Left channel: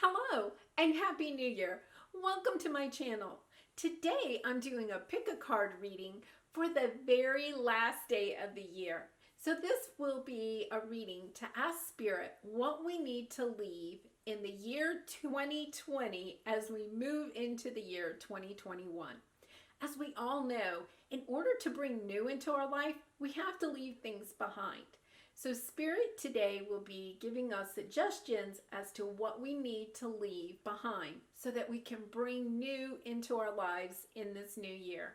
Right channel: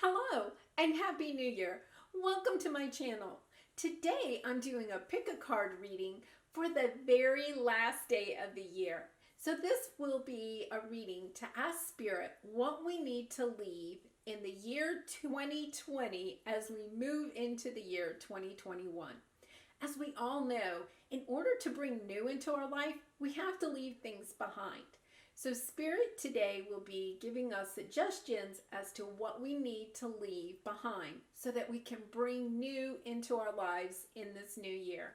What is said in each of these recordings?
Hello and Happy New Year. Welcome to my channel. Today I'm doing a pick a card reading for the very last day of the year. So this will be a reading to ask Spirit what we need to leave in the year 2020 as we move into the year 2021. As we all know, in order to bring new into our life, we have to leave things behind. So Spirit today will be giving us suggestions as to what we need to leave behind so that we can bring new into our lives in this new year.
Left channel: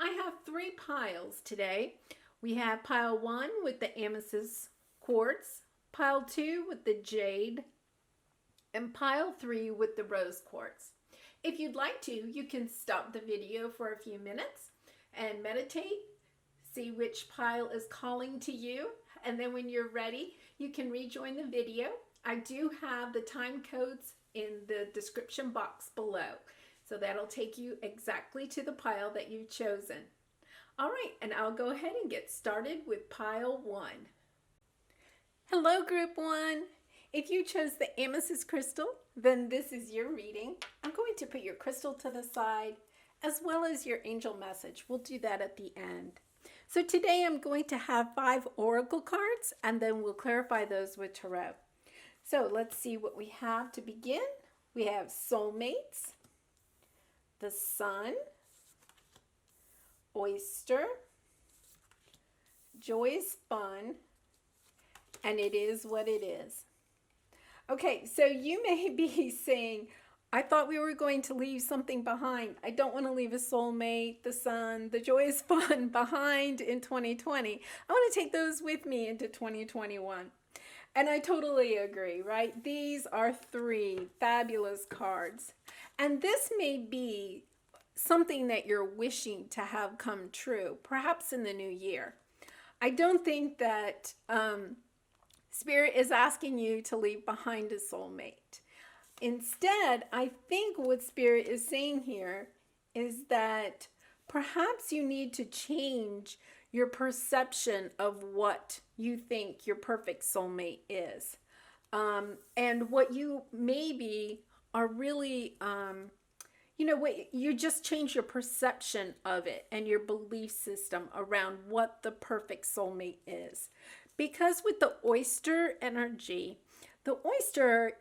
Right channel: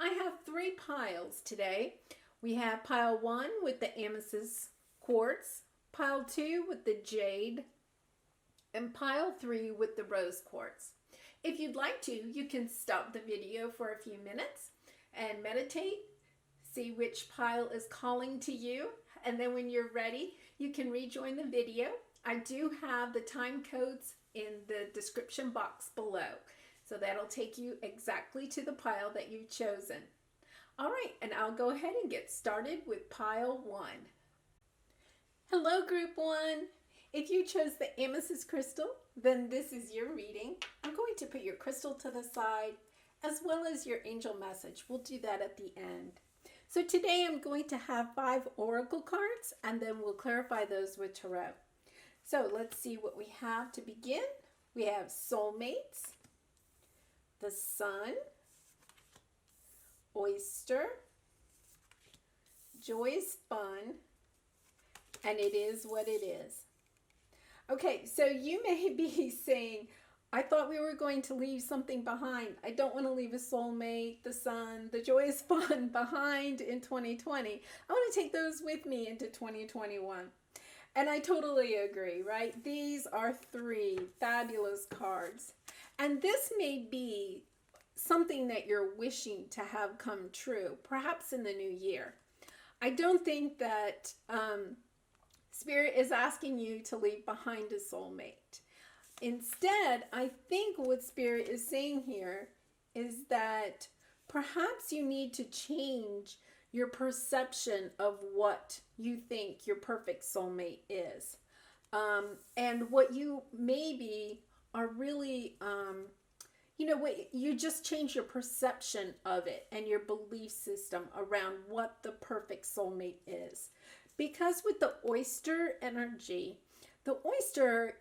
I have three piles today. We have pile 1 with the Amethyst Quartz, pile 2 with the Jade, and pile 3 with the Rose Quartz. If you'd like to, you can stop the video for a few minutes and meditate, see which pile is calling to you, and then when you're ready, you can rejoin the video. I do have the time codes in the description box below, so that'll take you exactly to the pile that you've chosen. All right, and I'll go ahead and get started with pile 1. Hello, group 1. If you chose the amethyst crystal, then this is your reading. I'm going to put your crystal to the side as well as your angel message. We'll do that at the end. So today I'm going to have 5 oracle cards and then we'll clarify those with tarot. So let's see what we have to begin. We have soulmates, the sun, oyster, joy is fun, and it is what it is. Okay, so you may be saying, I thought we were going to leave something behind. I don't want to leave a soulmate, the sun, the joy is fun behind in 2020. I want to take those with me into 2021. And I totally agree, right? These are 3 fabulous cards. And this may be something that you're wishing to have come true, perhaps in the new year. I don't think that Spirit is asking you to leave behind a soulmate. Instead, I think what Spirit is saying here is that perhaps you need to change your perception of what you think your perfect soulmate is. And what you maybe are really, you just change your perception of it and your belief system around what the perfect soulmate is. Because with the oyster energy, the oyster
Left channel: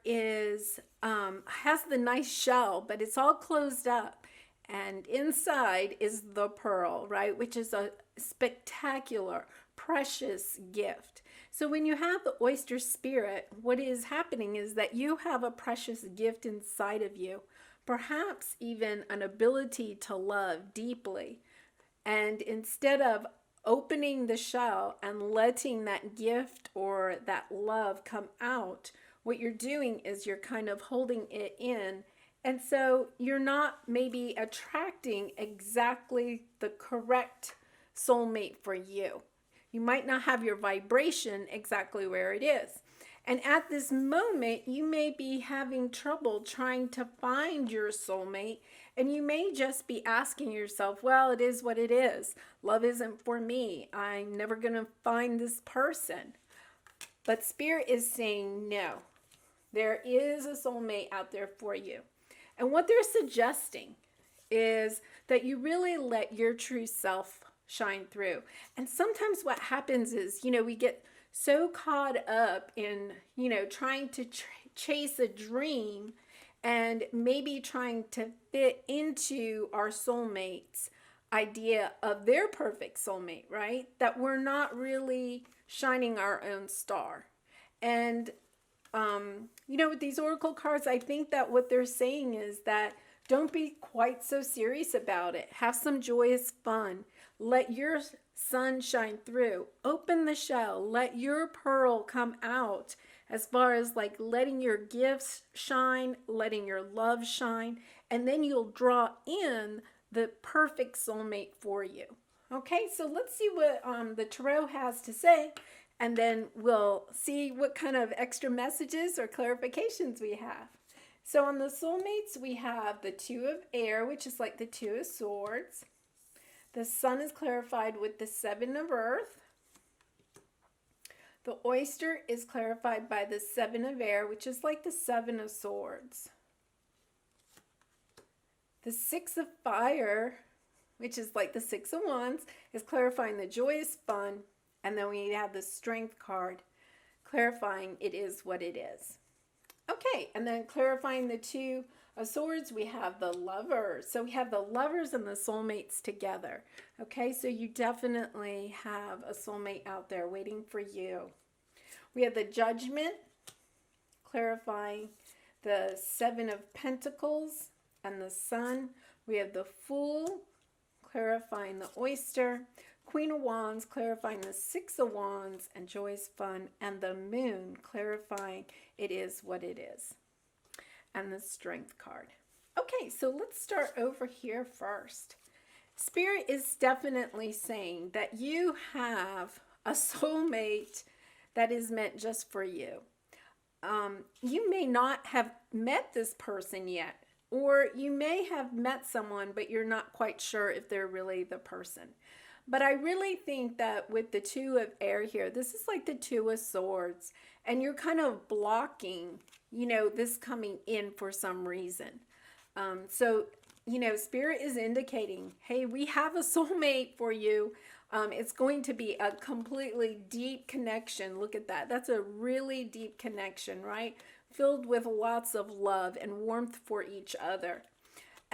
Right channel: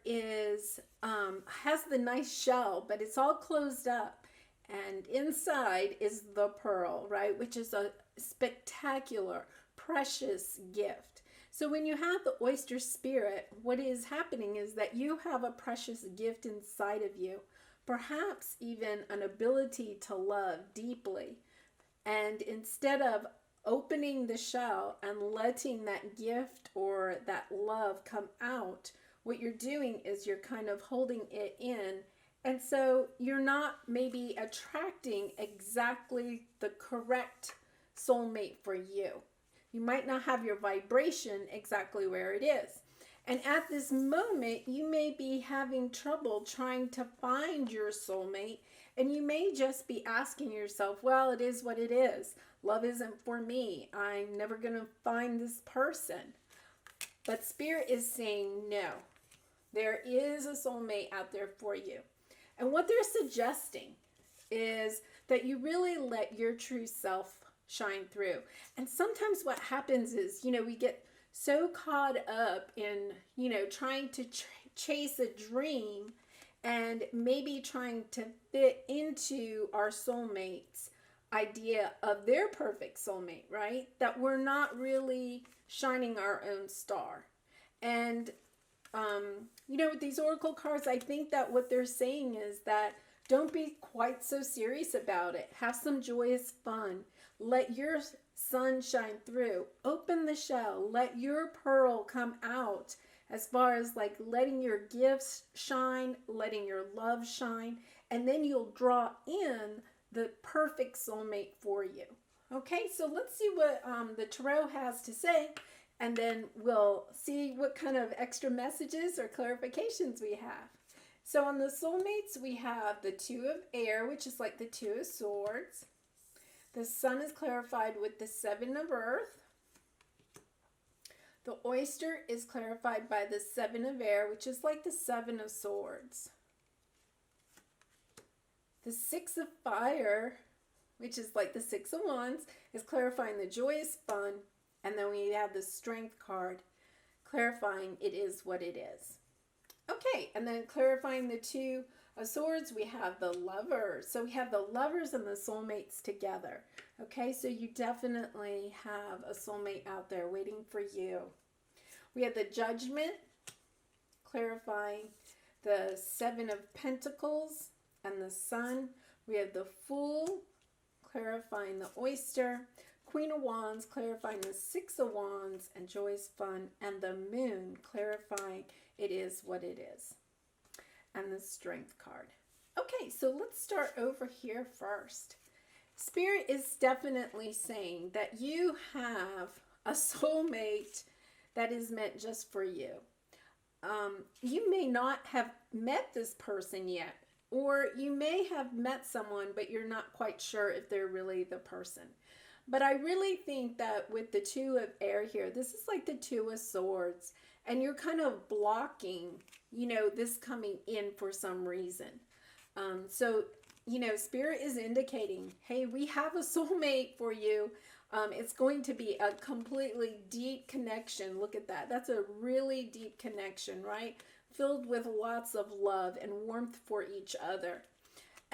has the nice shell, but it's all closed up. And inside is the pearl, right? Which is a spectacular, precious gift. So when you have the oyster spirit, what is happening is that you have a precious gift inside of you. Perhaps even an ability to love deeply. And instead of opening the shell and letting that gift or that love come out, what you're doing is you're kind of holding it in. And so you're not maybe attracting exactly the correct soulmate for you. You might not have your vibration exactly where it is. And at this moment, you may be having trouble trying to find your soulmate. And you may just be asking yourself, well, it is what it is. Love isn't for me. I'm never going to find this person. But Spirit is saying no. There is a soulmate out there for you. And what they're suggesting is that you really let your true self shine through. And sometimes what happens is, we get so caught up in, trying to chase a dream and maybe trying to fit into our soulmate's idea of their perfect soulmate, right? That we're not really shining our own star. And, with these oracle cards, I think that what they're saying is that don't be quite so serious about it. Have some joyous fun. Let your sun shine through. Open the shell. Let your pearl come out. As far as like letting your gifts shine, letting your love shine, and then you'll draw in the perfect soulmate for you. Okay, so let's see what the tarot has to say, and then we'll see what kind of extra messages or clarifications we have. So on the soulmates, we have the 2 of air, which is like the 2 of swords. The sun is clarified with the 7 of earth. The oyster is clarified by the Seven of Air, which is like the Seven of Swords. The Six of Fire, which is like the Six of Wands, is clarifying the joyous fun. And then we have the Strength card, clarifying it is what it is. Okay, and then clarifying the Two of Swords, we have the Lovers. So we have the Lovers and the soulmates together. Okay, so you definitely have a soulmate out there waiting for you. We have the Judgment, clarifying the Seven of Pentacles and the Sun. We have the Fool, clarifying the oyster. Queen of Wands, clarifying the Six of Wands and joyous fun. And the Moon, clarifying it is what it is. And the Strength card. Okay, so let's start over here first. Spirit is definitely saying that you have a soulmate that is meant just for you. You may not have met this person yet, or you may have met someone, but you're not quite sure if they're really the person. But I really think that with the Two of Air here, this is like the Two of Swords, and you're kind of blocking, you know, this coming in for some reason. So, you know, Spirit is indicating, hey, we have a soulmate for you. It's going to be a completely deep connection. Look at that. That's a really deep connection, right? Filled with lots of love and warmth for each other.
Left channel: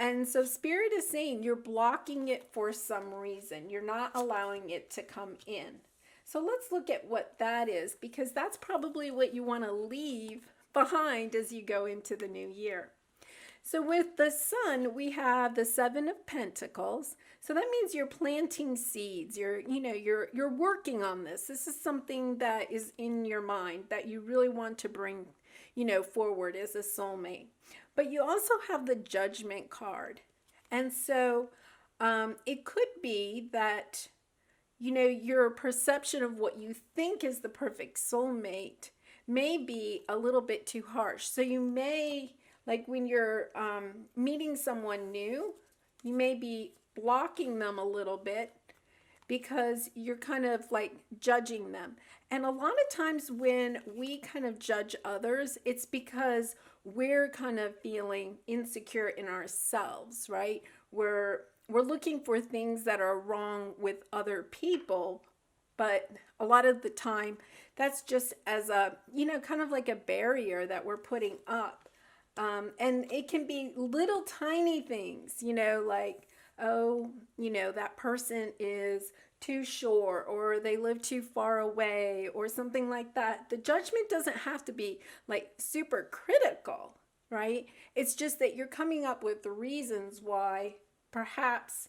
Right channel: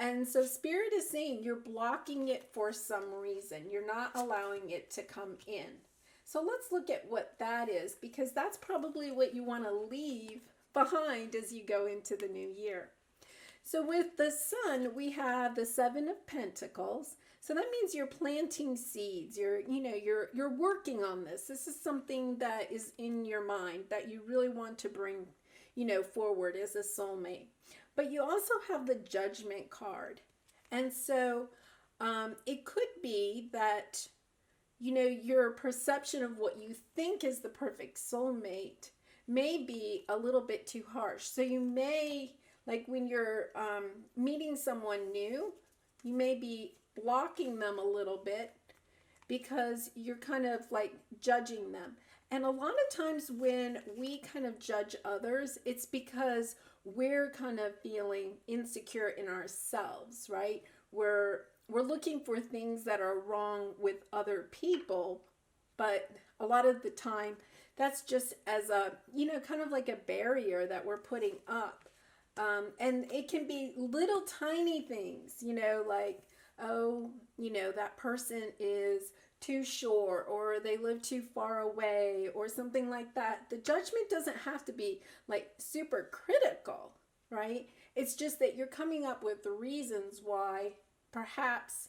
And so Spirit is saying you're blocking it for some reason. You're not allowing it to come in. So let's look at what that is, because that's probably what you want to leave behind as you go into the new year. So with the Sun, we have the Seven of Pentacles. So that means you're planting seeds. You're working on this. This is something that is in your mind that you really want to bring, forward as a soulmate. But you also have the Judgment card. And so it could be that, your perception of what you think is the perfect soulmate may be a little bit too harsh. So you may, like when you're meeting someone new, you may be blocking them a little bit because you're kind of like judging them. And a lot of times when we kind of judge others, it's because we're kind of feeling insecure in ourselves, right? We're looking for things that are wrong with other people, but a lot of the time that's just as a, kind of like a barrier that we're putting up. And it can be little tiny things, like, oh, that person is too short, or they live too far away, or something like that. The judgment doesn't have to be like super critical, right? It's just that you're coming up with the reasons why perhaps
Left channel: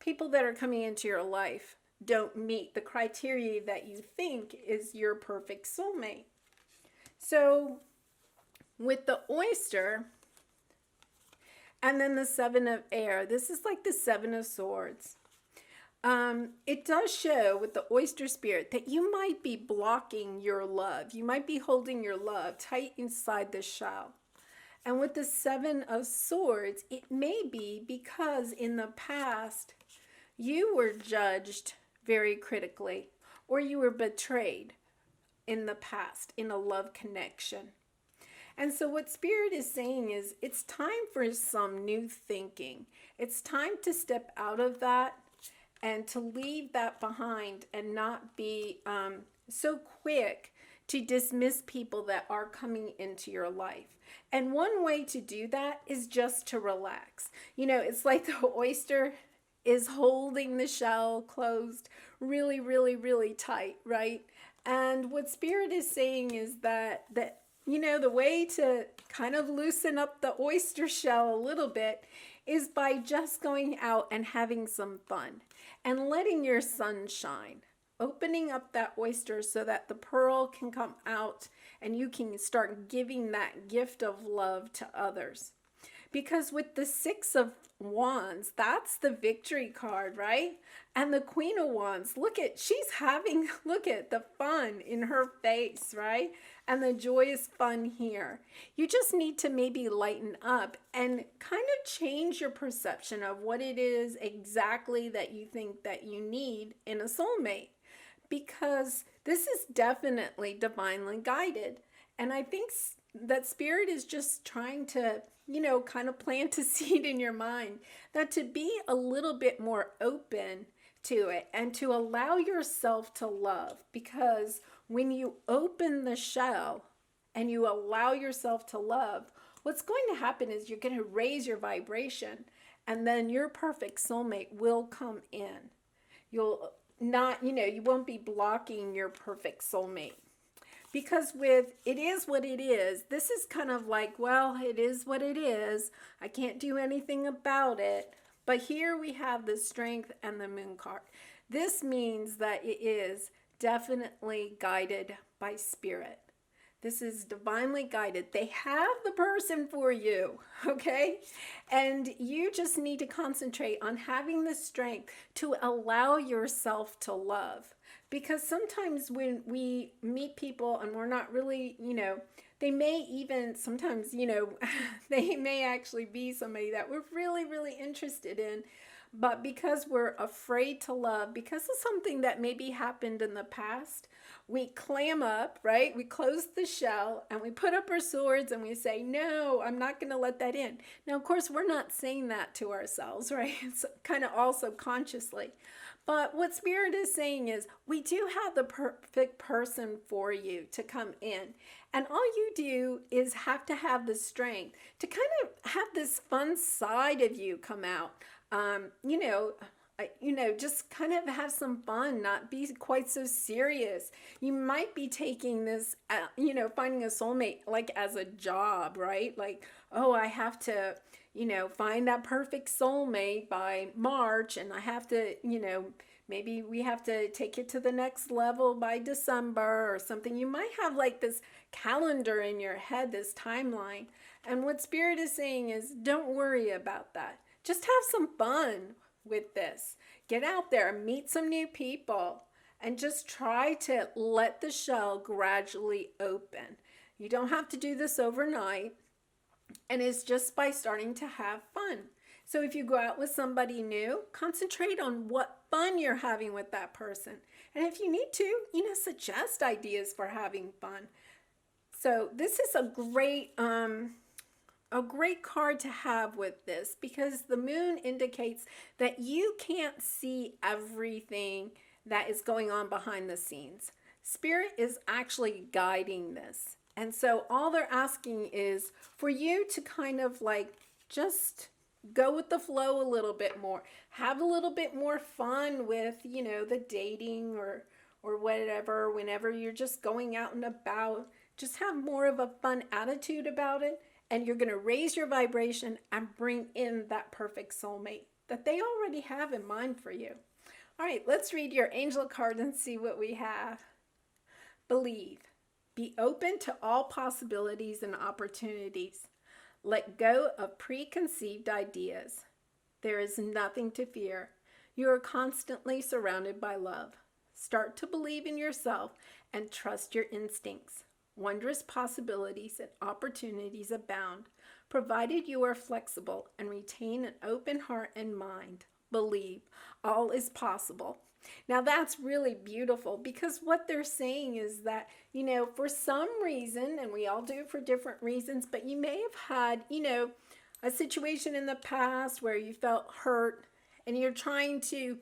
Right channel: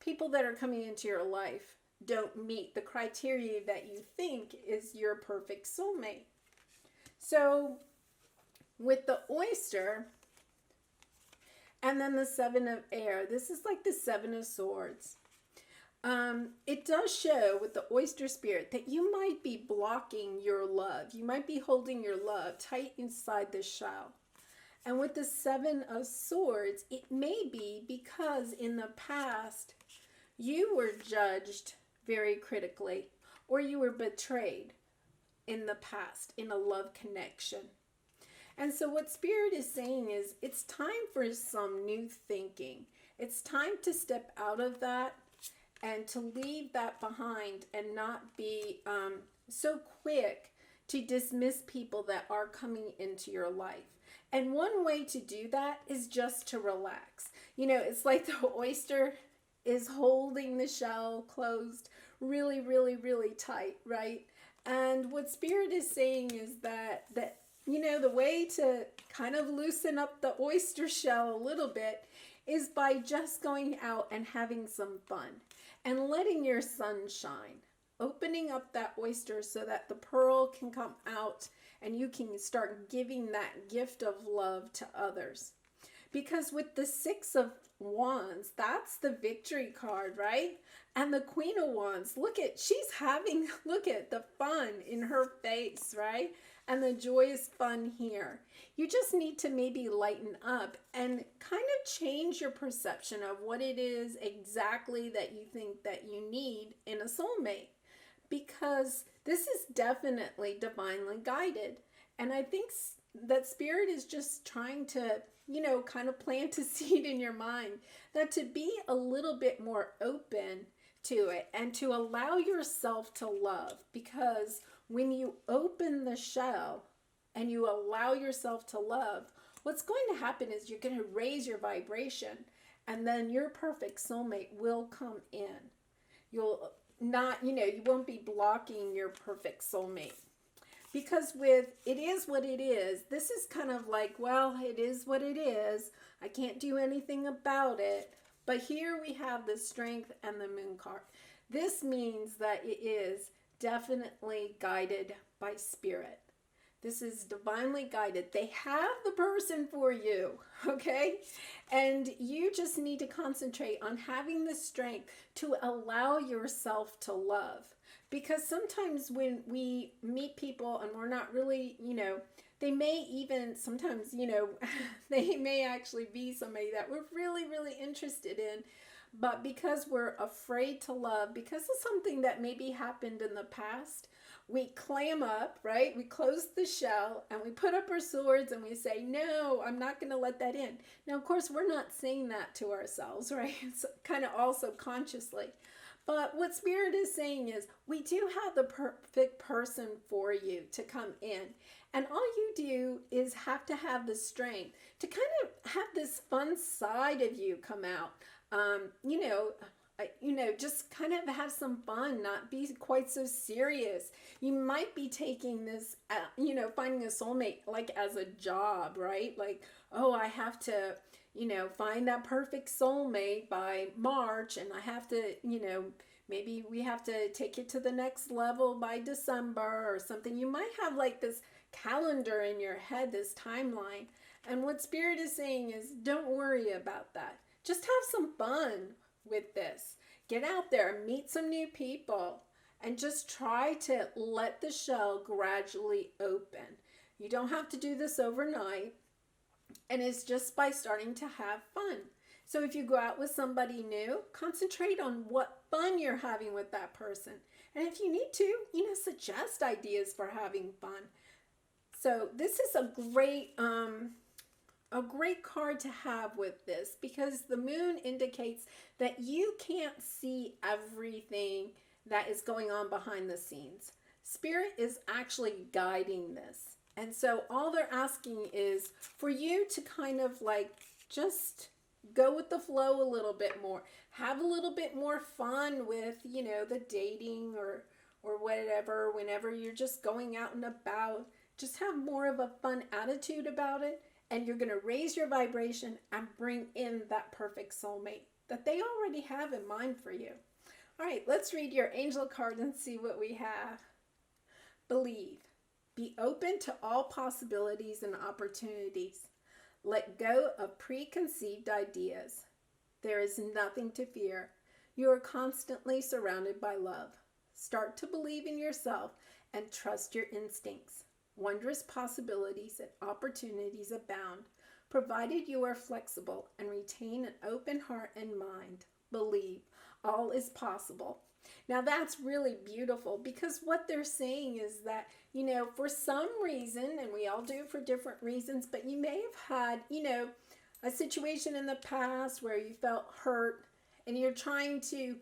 people that are coming into your life don't meet the criteria that you think is your perfect soulmate. So with the oyster and then the Seven of Air, this is like the Seven of Swords. It does show with the oyster spirit that you might be blocking your love. You might be holding your love tight inside the shell. And with the Seven of Swords, it may be because in the past you were judged very critically, or you were betrayed in the past in a love connection. And so what Spirit is saying is it's time for some new thinking. It's time to step out of that and to leave that behind and not be so quick to dismiss people that are coming into your life. And one way to do that is just to relax. It's like the oyster is holding the shell closed really, really, really tight, right? And what Spirit is saying is that the way to kind of loosen up the oyster shell a little bit is by just going out and having some fun and letting your sun shine, opening up that oyster so that the pearl can come out and you can start giving that gift of love to others. Because with the Six of Wands, that's the victory card, right? And the Queen of Wands, look at the fun in her face, right? And the joyous fun here. You just need to maybe lighten up and kind of change your perception of what it is exactly that you think that you need in a soulmate. because this is definitely divinely guided. And I think that spirit is just trying to, kind of plant a seed in your mind that to be a little bit more open to it and to allow yourself to love. Because when you open the shell and you allow yourself to love, what's going to happen is you're going to raise your vibration, and then your perfect soulmate will come in. You'll not, you won't be blocking your perfect soulmate. Because with it is what it is, this is kind of like, well, it is what it is. I can't do anything about it. But here we have the strength and the moon card. This means that it is definitely guided by spirit. This is divinely guided. They have the person for you, okay? And you just need to concentrate on having the strength to allow yourself to love. Because sometimes when we meet people and we're not really, they may even sometimes, they may actually be somebody that we're really, really interested in. But because we're afraid to love, because of something that maybe happened in the past, we clam up, right? We close the shell and we put up our swords and we say, no, I'm not going to let that in. Now, of course, we're not saying that to ourselves, right? It's kind of also consciously. But what Spirit is saying is we do have the perfect person for you to come in. And all you do is have to have the strength to kind of have this fun side of you come out. Just kind of have some fun, not be quite so serious. You might be taking this, finding a soulmate like as a job, right? Like, oh, I have to, find that perfect soulmate by March, and I have to, maybe we have to take it to the next level by December or something. You might have like this calendar in your head, this timeline. And what Spirit is saying is don't worry about that. Just have some fun with this. Get out there, meet some new people, and just try to let the shell gradually open. You don't have to do this overnight, and it's just by starting to have fun. So if you go out with somebody new, concentrate on what fun you're having with that person. And if you need to, suggest ideas for having fun. So this is a great card to have with this, because the moon indicates that you can't see everything that is going on behind the scenes. Spirit is actually guiding this. And so all they're asking is for you to kind of like just go with the flow a little bit more. Have a little bit more fun with, the dating or whatever, whenever you're just going out and about. Just have more of a fun attitude about it. And you're going to raise your vibration and bring in that perfect soulmate that they already have in mind for you. All right, let's read your angel card and see what we have. Believe. Be open to all possibilities and opportunities. Let go of preconceived ideas. There is nothing to fear. You are constantly surrounded by love. Start to believe in yourself and trust your instincts. Wondrous possibilities and opportunities abound, provided you are flexible and retain an open heart and mind. Believe, all is possible. Now that's really beautiful, because what they're saying is that, for some reason, and we all do it for different reasons, but you may have had, a situation in the past where you felt hurt and you're trying to,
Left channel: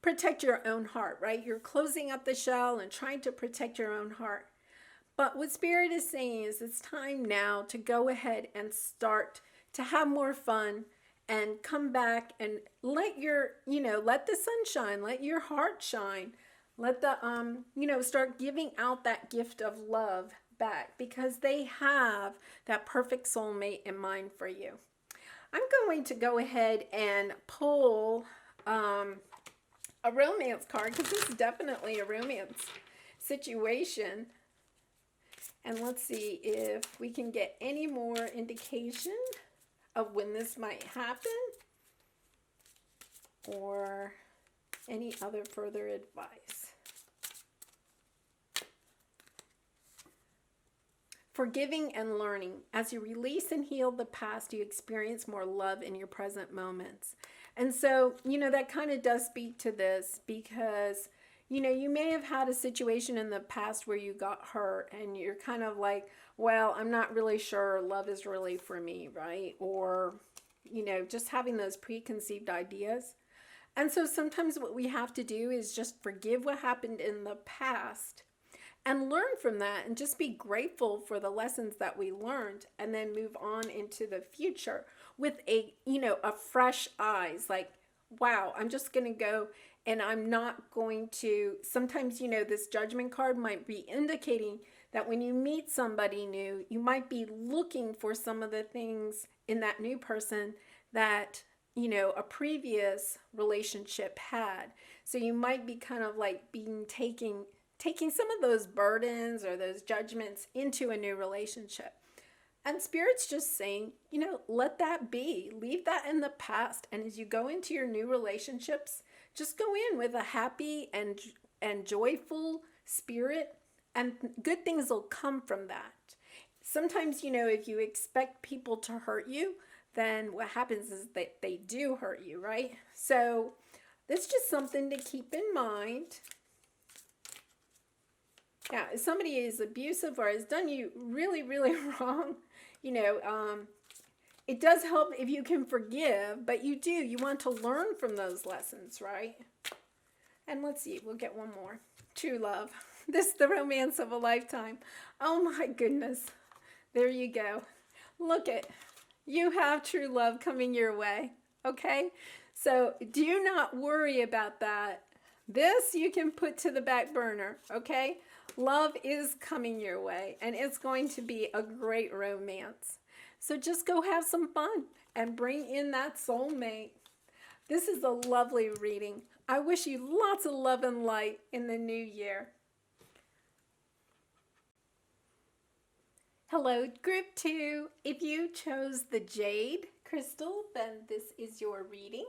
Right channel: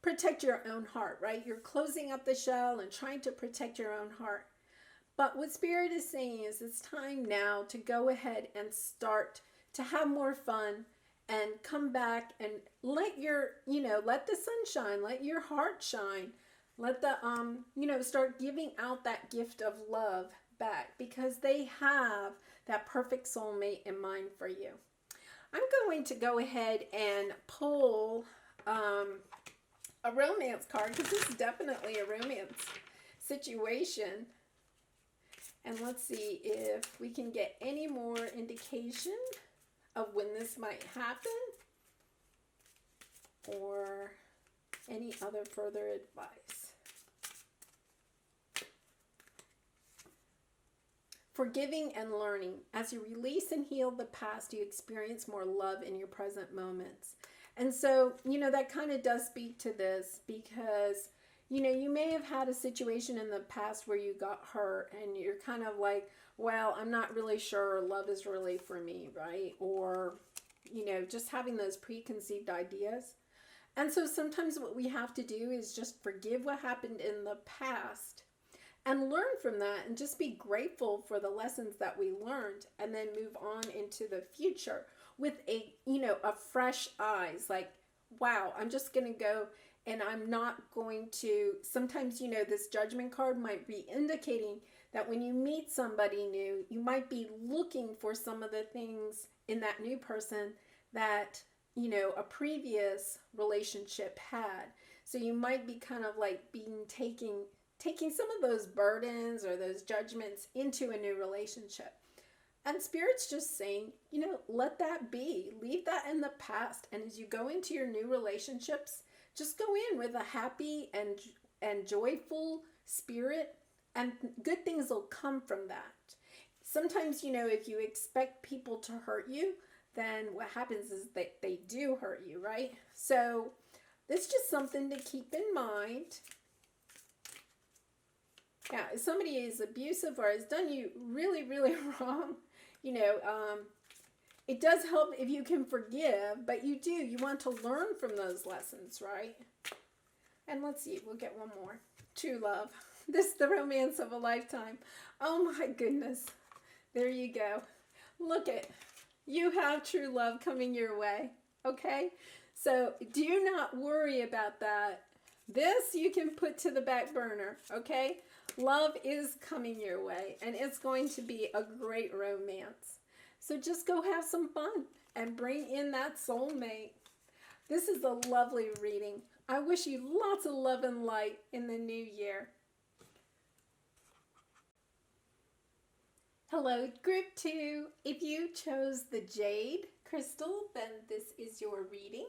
protect your own heart, right? You're closing up the shell and trying to protect your own heart. But what Spirit is saying is it's time now to go ahead and start to have more fun and come back and let let the sun shine, let your heart shine. Let the, start giving out that gift of love back, because they have that perfect soulmate in mind for you. I'm going to go ahead and pull a romance card, because this is definitely a romance situation. And let's see if we can get any more indication of when this might happen, or any other further advice. Forgiving and learning. As you release and heal the past, you experience more love in your present moments. And so, that kind of does speak to this, because, You know, you may have had a situation in the past where you got hurt and you're kind of like, well, I'm not really sure love is really for me, right? Or, you know, just having those preconceived ideas. And so sometimes what we have to do is just forgive what happened in the past and learn from that and just be grateful for the lessons that we learned and then move on into the future with a, you know, a fresh eyes, like, wow, I'm just going to go and I'm not going to, sometimes, you know, this judgment card might be indicating that when you meet somebody new, you might be looking for some of the things in that new person that, you know, a previous relationship had. So you might be kind of like being taking some of those burdens or those judgments into a new relationship. And Spirit's just saying, you know, let that be. Leave that in the past. And as you go into your new relationships, just go in with a happy and joyful spirit, and good things will come from that. Sometimes, you know, if you expect people to hurt you, then what happens is that they do hurt you, right? So that's just something to keep in mind. Now, if somebody is abusive or has done you really, really wrong, you know, it does help if you can forgive, but you want to learn from those lessons, right? And let's see, we'll get one more. True love. This is the romance of a lifetime. Oh my goodness. There you go. Look at, you have true love coming your way, okay? So do not worry about that. This you can put to the back burner, okay? Love is coming your way, and it's going to be a great romance. So just go have some fun and bring in that soulmate. This is a lovely reading. I wish you lots of love and light in the new year. Hello, group 2. If you chose the Jade crystal, then this is your reading.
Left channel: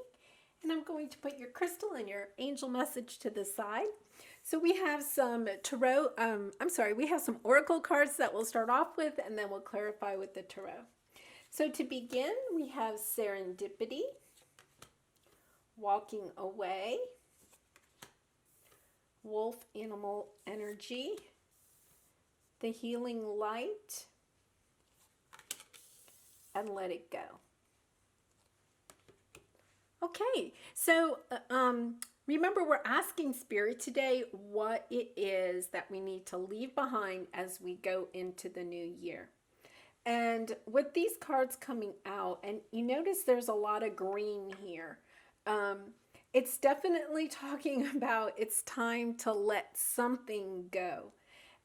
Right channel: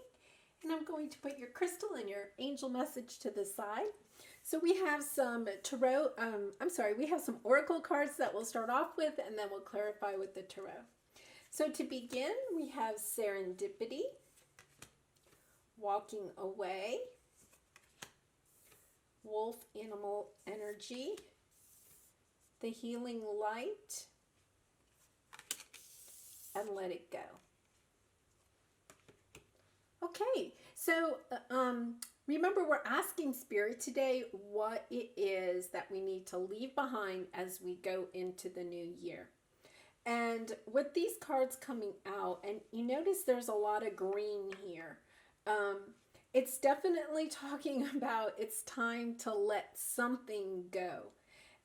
And I'm going to put your crystal and your angel message to the side. So we have some tarot, we have some oracle cards that we'll start off with, and then we'll clarify with the tarot. So to begin, we have serendipity, walking away, wolf animal energy, the healing light, and let it go. Okay, so remember, we're asking Spirit today what it is that we need to leave behind as we go into the new year. And with these cards coming out, and you notice there's a lot of green here, it's definitely talking about it's time to let something go.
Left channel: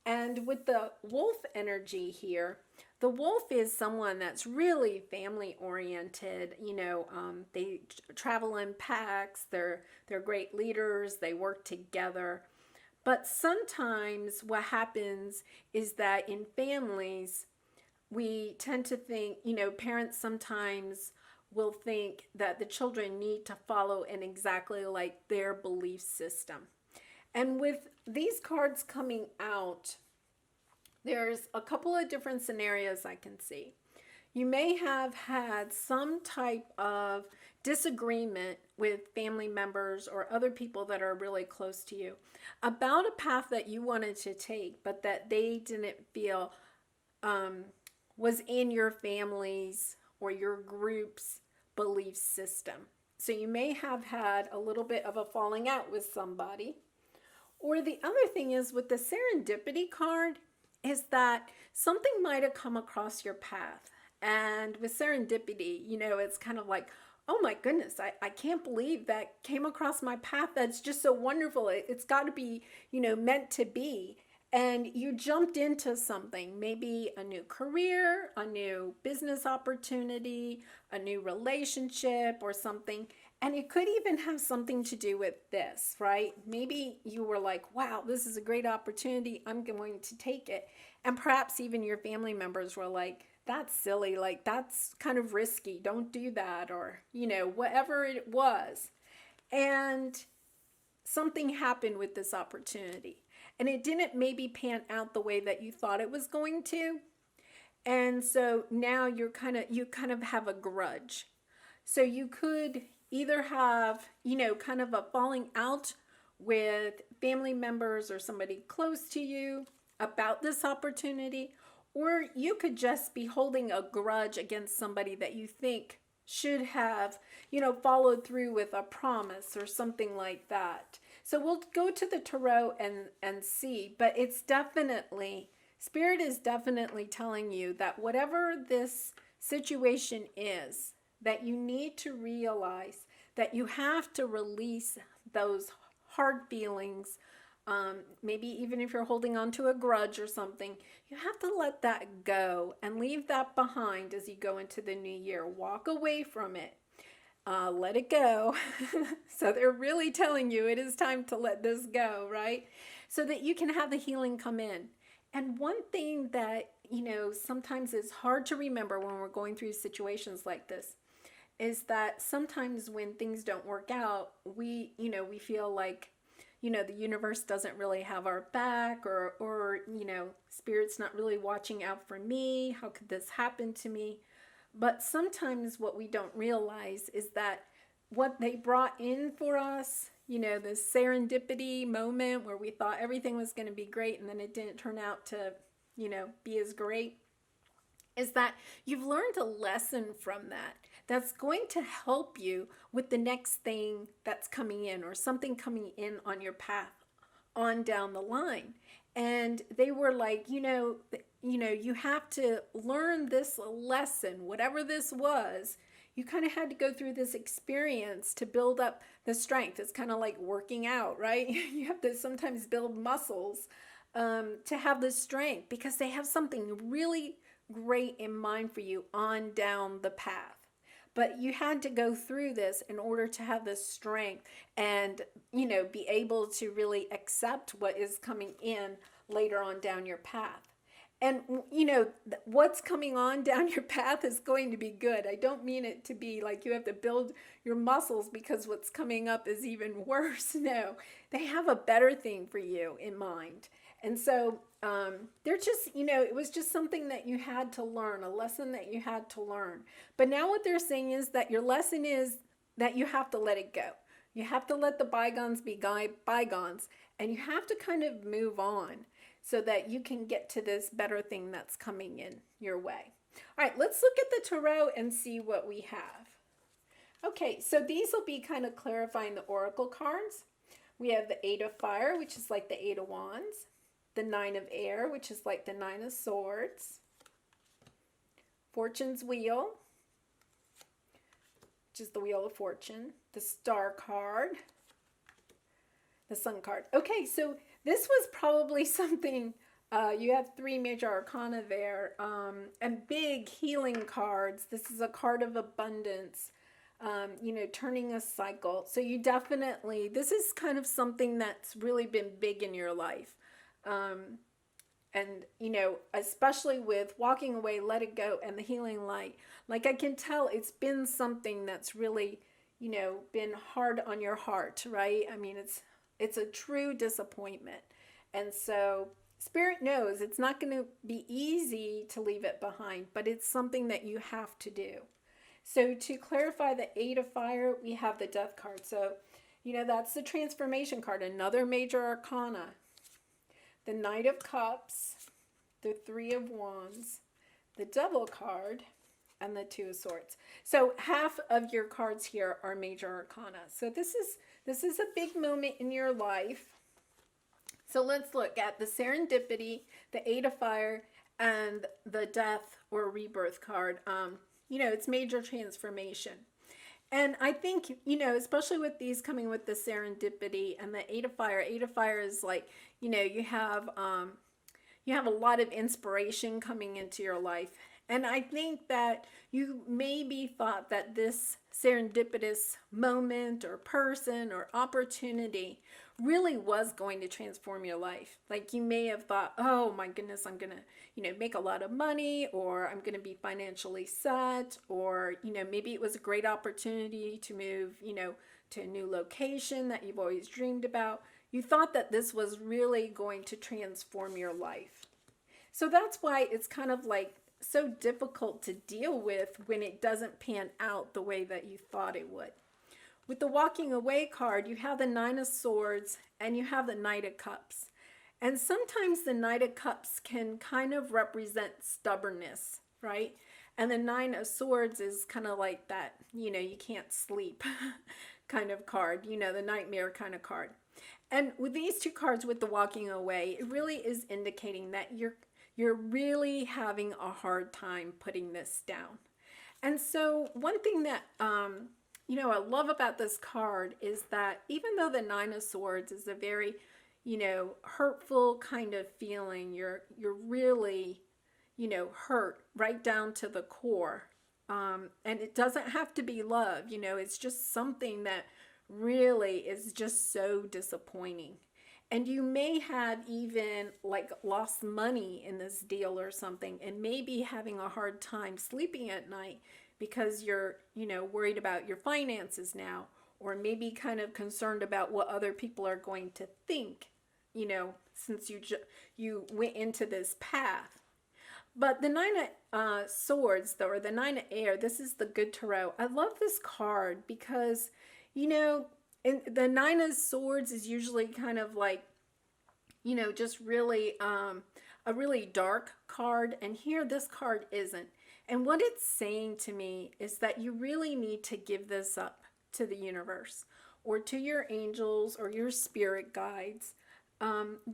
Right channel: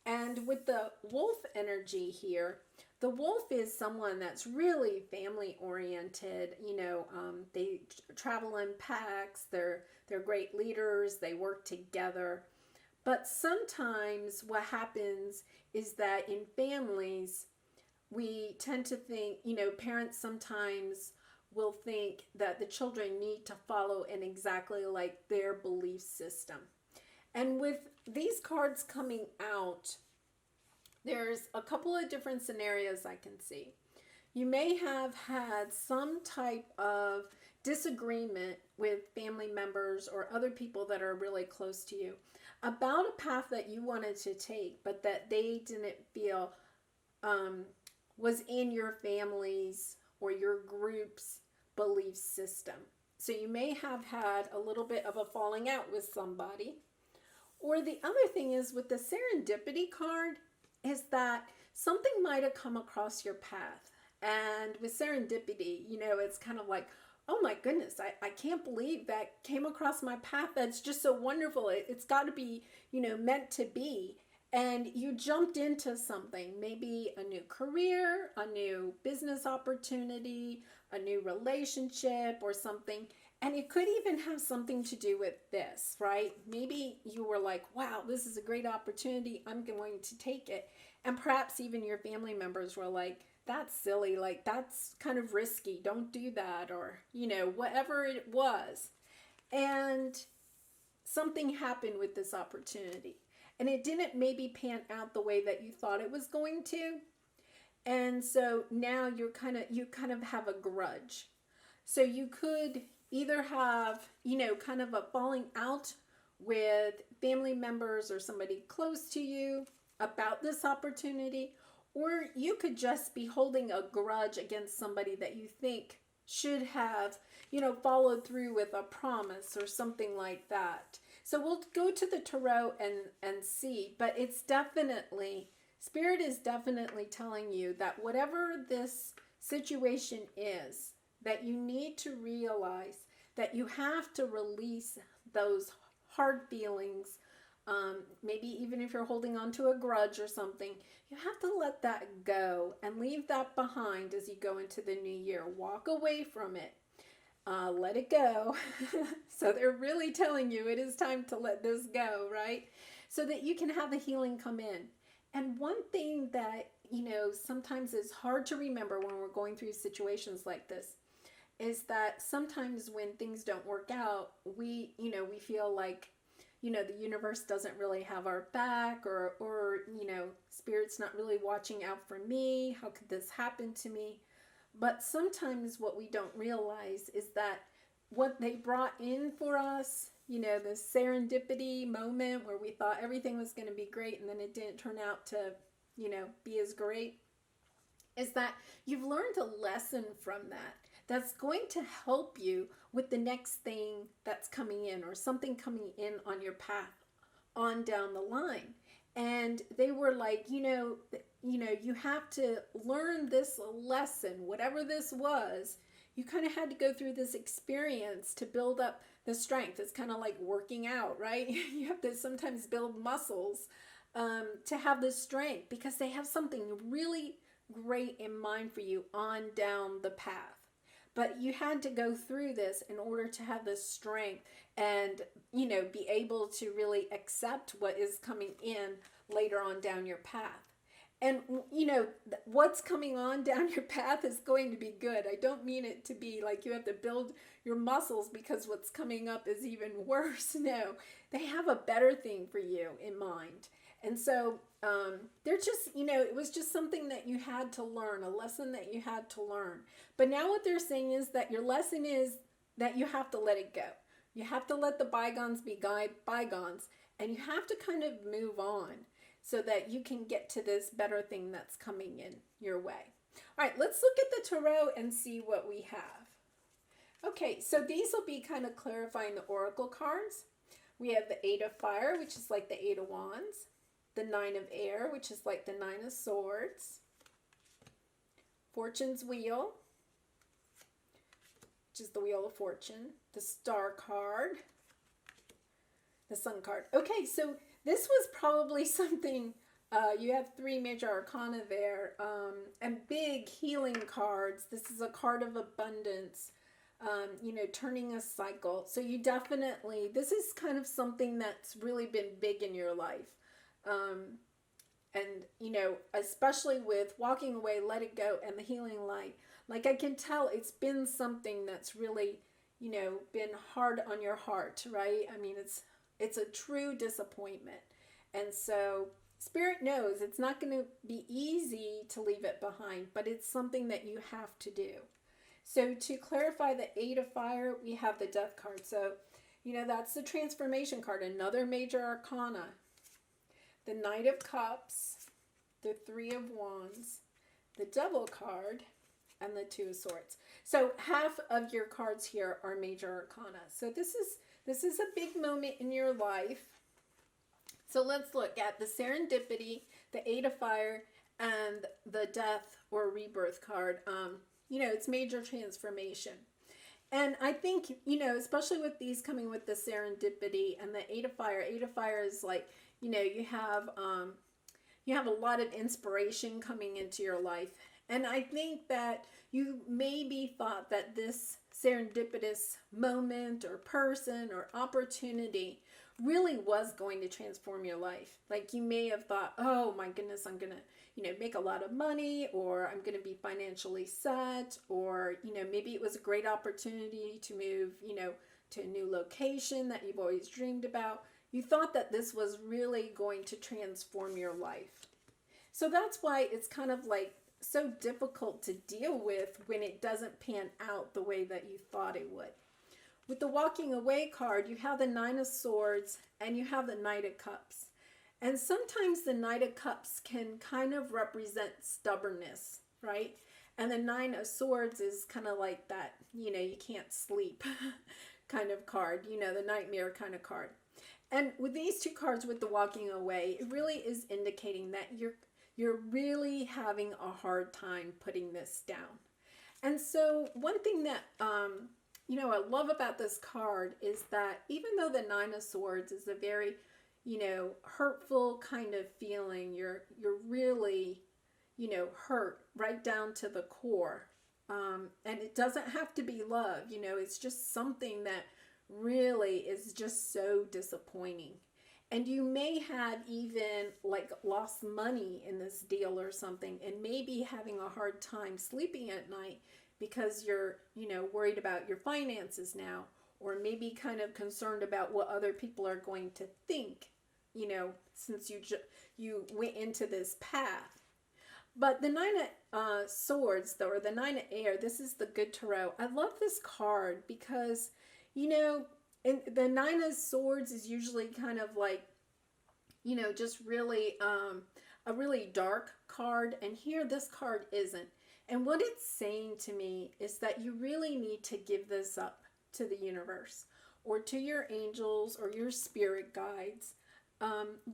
And with the wolf energy here, the wolf is someone that's really family oriented. You know, they travel in packs, they're great leaders, they work together. But sometimes what happens is that in families, we tend to think, you know, parents sometimes will think that the children need to follow in exactly like their belief system. And with these cards coming out, there's a couple of different scenarios I can see. You may have had some type of disagreement with family members or other people that are really close to you about a path that you wanted to take, but that they didn't feel was in your family's or your group's belief system. So you may have had a little bit of a falling out with somebody. Or the other thing is with the serendipity card is that something might have come across your path. And with serendipity, you know, it's kind of like, oh my goodness, I can't believe that came across my path. That's just so wonderful. It's got to be, you know, meant to be. And you jumped into something, maybe a new career, a new business opportunity, a new relationship or something. And it could even have something to do with this, right? Maybe you were like, wow, this is a great opportunity. I'm going to take it. And perhaps even your family members were like, that's silly. Like, that's kind of risky. Don't do that. Or, you know, whatever it was. And something happened with this opportunity. And it didn't maybe pan out the way that you thought it was going to. And so now you kind of have a grudge. So you could either have, you know, kind of a falling out with family members or somebody close to you about this opportunity, or you could just be holding a grudge against somebody that you think should have, followed through with a promise or something like that. So we'll go to the tarot and see, but it's definitely, Spirit is definitely telling you that whatever this situation is, that you need to realize that you have to release those hard feelings. Maybe even if you're holding on to a grudge or something, you have to let that go and leave that behind as you go into the new year. Walk away from it. Let it go. So they're really telling you it is time to let this go, right? So that you can have the healing come in. And one thing that, sometimes is hard to remember when we're going through situations like this is that sometimes when things don't work out, we feel like, the universe doesn't really have our back, or Spirit's not really watching out for me. How could this happen to me? But sometimes what we don't realize is that what they brought in for us, this serendipity moment where we thought everything was going to be great and then it didn't turn out to, be as great, is that you've learned a lesson from that. That's going to help you with the next thing that's coming in, or something coming in on your path on down the line. And they were like, you have to learn this lesson, whatever this was. You kind of had to go through this experience to build up the strength. It's kind of like working out, right? You have to sometimes build muscles to have the strength, because they have something really great in mind for you on down the path. But you had to go through this in order to have the strength and, be able to really accept what is coming in later on down your path. And, what's coming on down your path is going to be good. I don't mean it to be like you have to build your muscles because what's coming up is even worse. No, they have a better thing for you in mind. And so they're just, it was just something that you had to learn, a lesson that you had to learn. But now what they're saying is that your lesson is that you have to let it go. You have to let the bygones be bygones, and you have to kind of move on so that you can get to this better thing that's coming in your way. All right, let's look at the tarot and see what we have. Okay, so these will be kind of clarifying the oracle cards. We have the Eight of Fire, which is like the Eight of Wands. The Nine of Air, which is like the Nine of Swords. Fortune's Wheel, which is the Wheel of Fortune. The Star card. The Sun card. Okay, so this was probably something, you have 3 major arcana there, and big healing cards. This is a card of abundance, turning a cycle. So you definitely, this is kind of something that's really been big in your life. And, especially with walking away, let it go, and the healing light. Like, I can tell it's been something that's really, been hard on your heart, right? I mean, it's a true disappointment. And so Spirit knows it's not going to be easy to leave it behind, but it's something that you have to do. So to clarify the Eight of Fire, we have the Death card. So, that's the transformation card, another major arcana. The Knight of Cups, the Three of Wands, the Devil card, and the Two of Swords. So half of your cards here are major arcana. So this is a big moment in your life. So let's look at the Serendipity, the Eight of Fire, and the Death or Rebirth card. It's major transformation. And I think, especially with these coming with the Serendipity and the Eight of Fire is like, you have a lot of inspiration coming into your life. And I think that you maybe thought that this serendipitous moment or person or opportunity really was going to transform your life. Like, you may have thought, oh my goodness, I'm going to, make a lot of money, or I'm going to be financially set, or, maybe it was a great opportunity to move, to a new location that you've always dreamed about. You thought that this was really going to transform your life. So that's why it's kind of like so difficult to deal with when it doesn't pan out the way that you thought it would. With the walking away card, you have the Nine of Swords and you have the Knight of Cups. And sometimes the Knight of Cups can kind of represent stubbornness, right? And the Nine of Swords is kind of like that, you know, you can't sleep kind of card, you know, the nightmare kind of card. And with these two cards with the walking away, it really is indicating that you're really having a hard time putting this down. And so one thing that you know, I love about this card is that even though the Nine of Swords is a very, you know, hurtful kind of feeling, you're really, you know, hurt right down to the core. And it doesn't have to be love, you know, it's just something that really is just so disappointing. And you may have even like lost money in this deal or something and maybe having a hard time sleeping at night because you're, you know, worried about your finances now, or maybe kind of concerned about what other people are going to think, you know, since you went into this path. But the Nine of Swords, though, or the Nine of Air, this is the Good Tarot. I love this card because, you know, the Nine of Swords is usually kind of like, you know, just really a really dark card. And here this card isn't. And what it's saying to me is that you really need to give this up to the universe or to your angels or your spirit guides.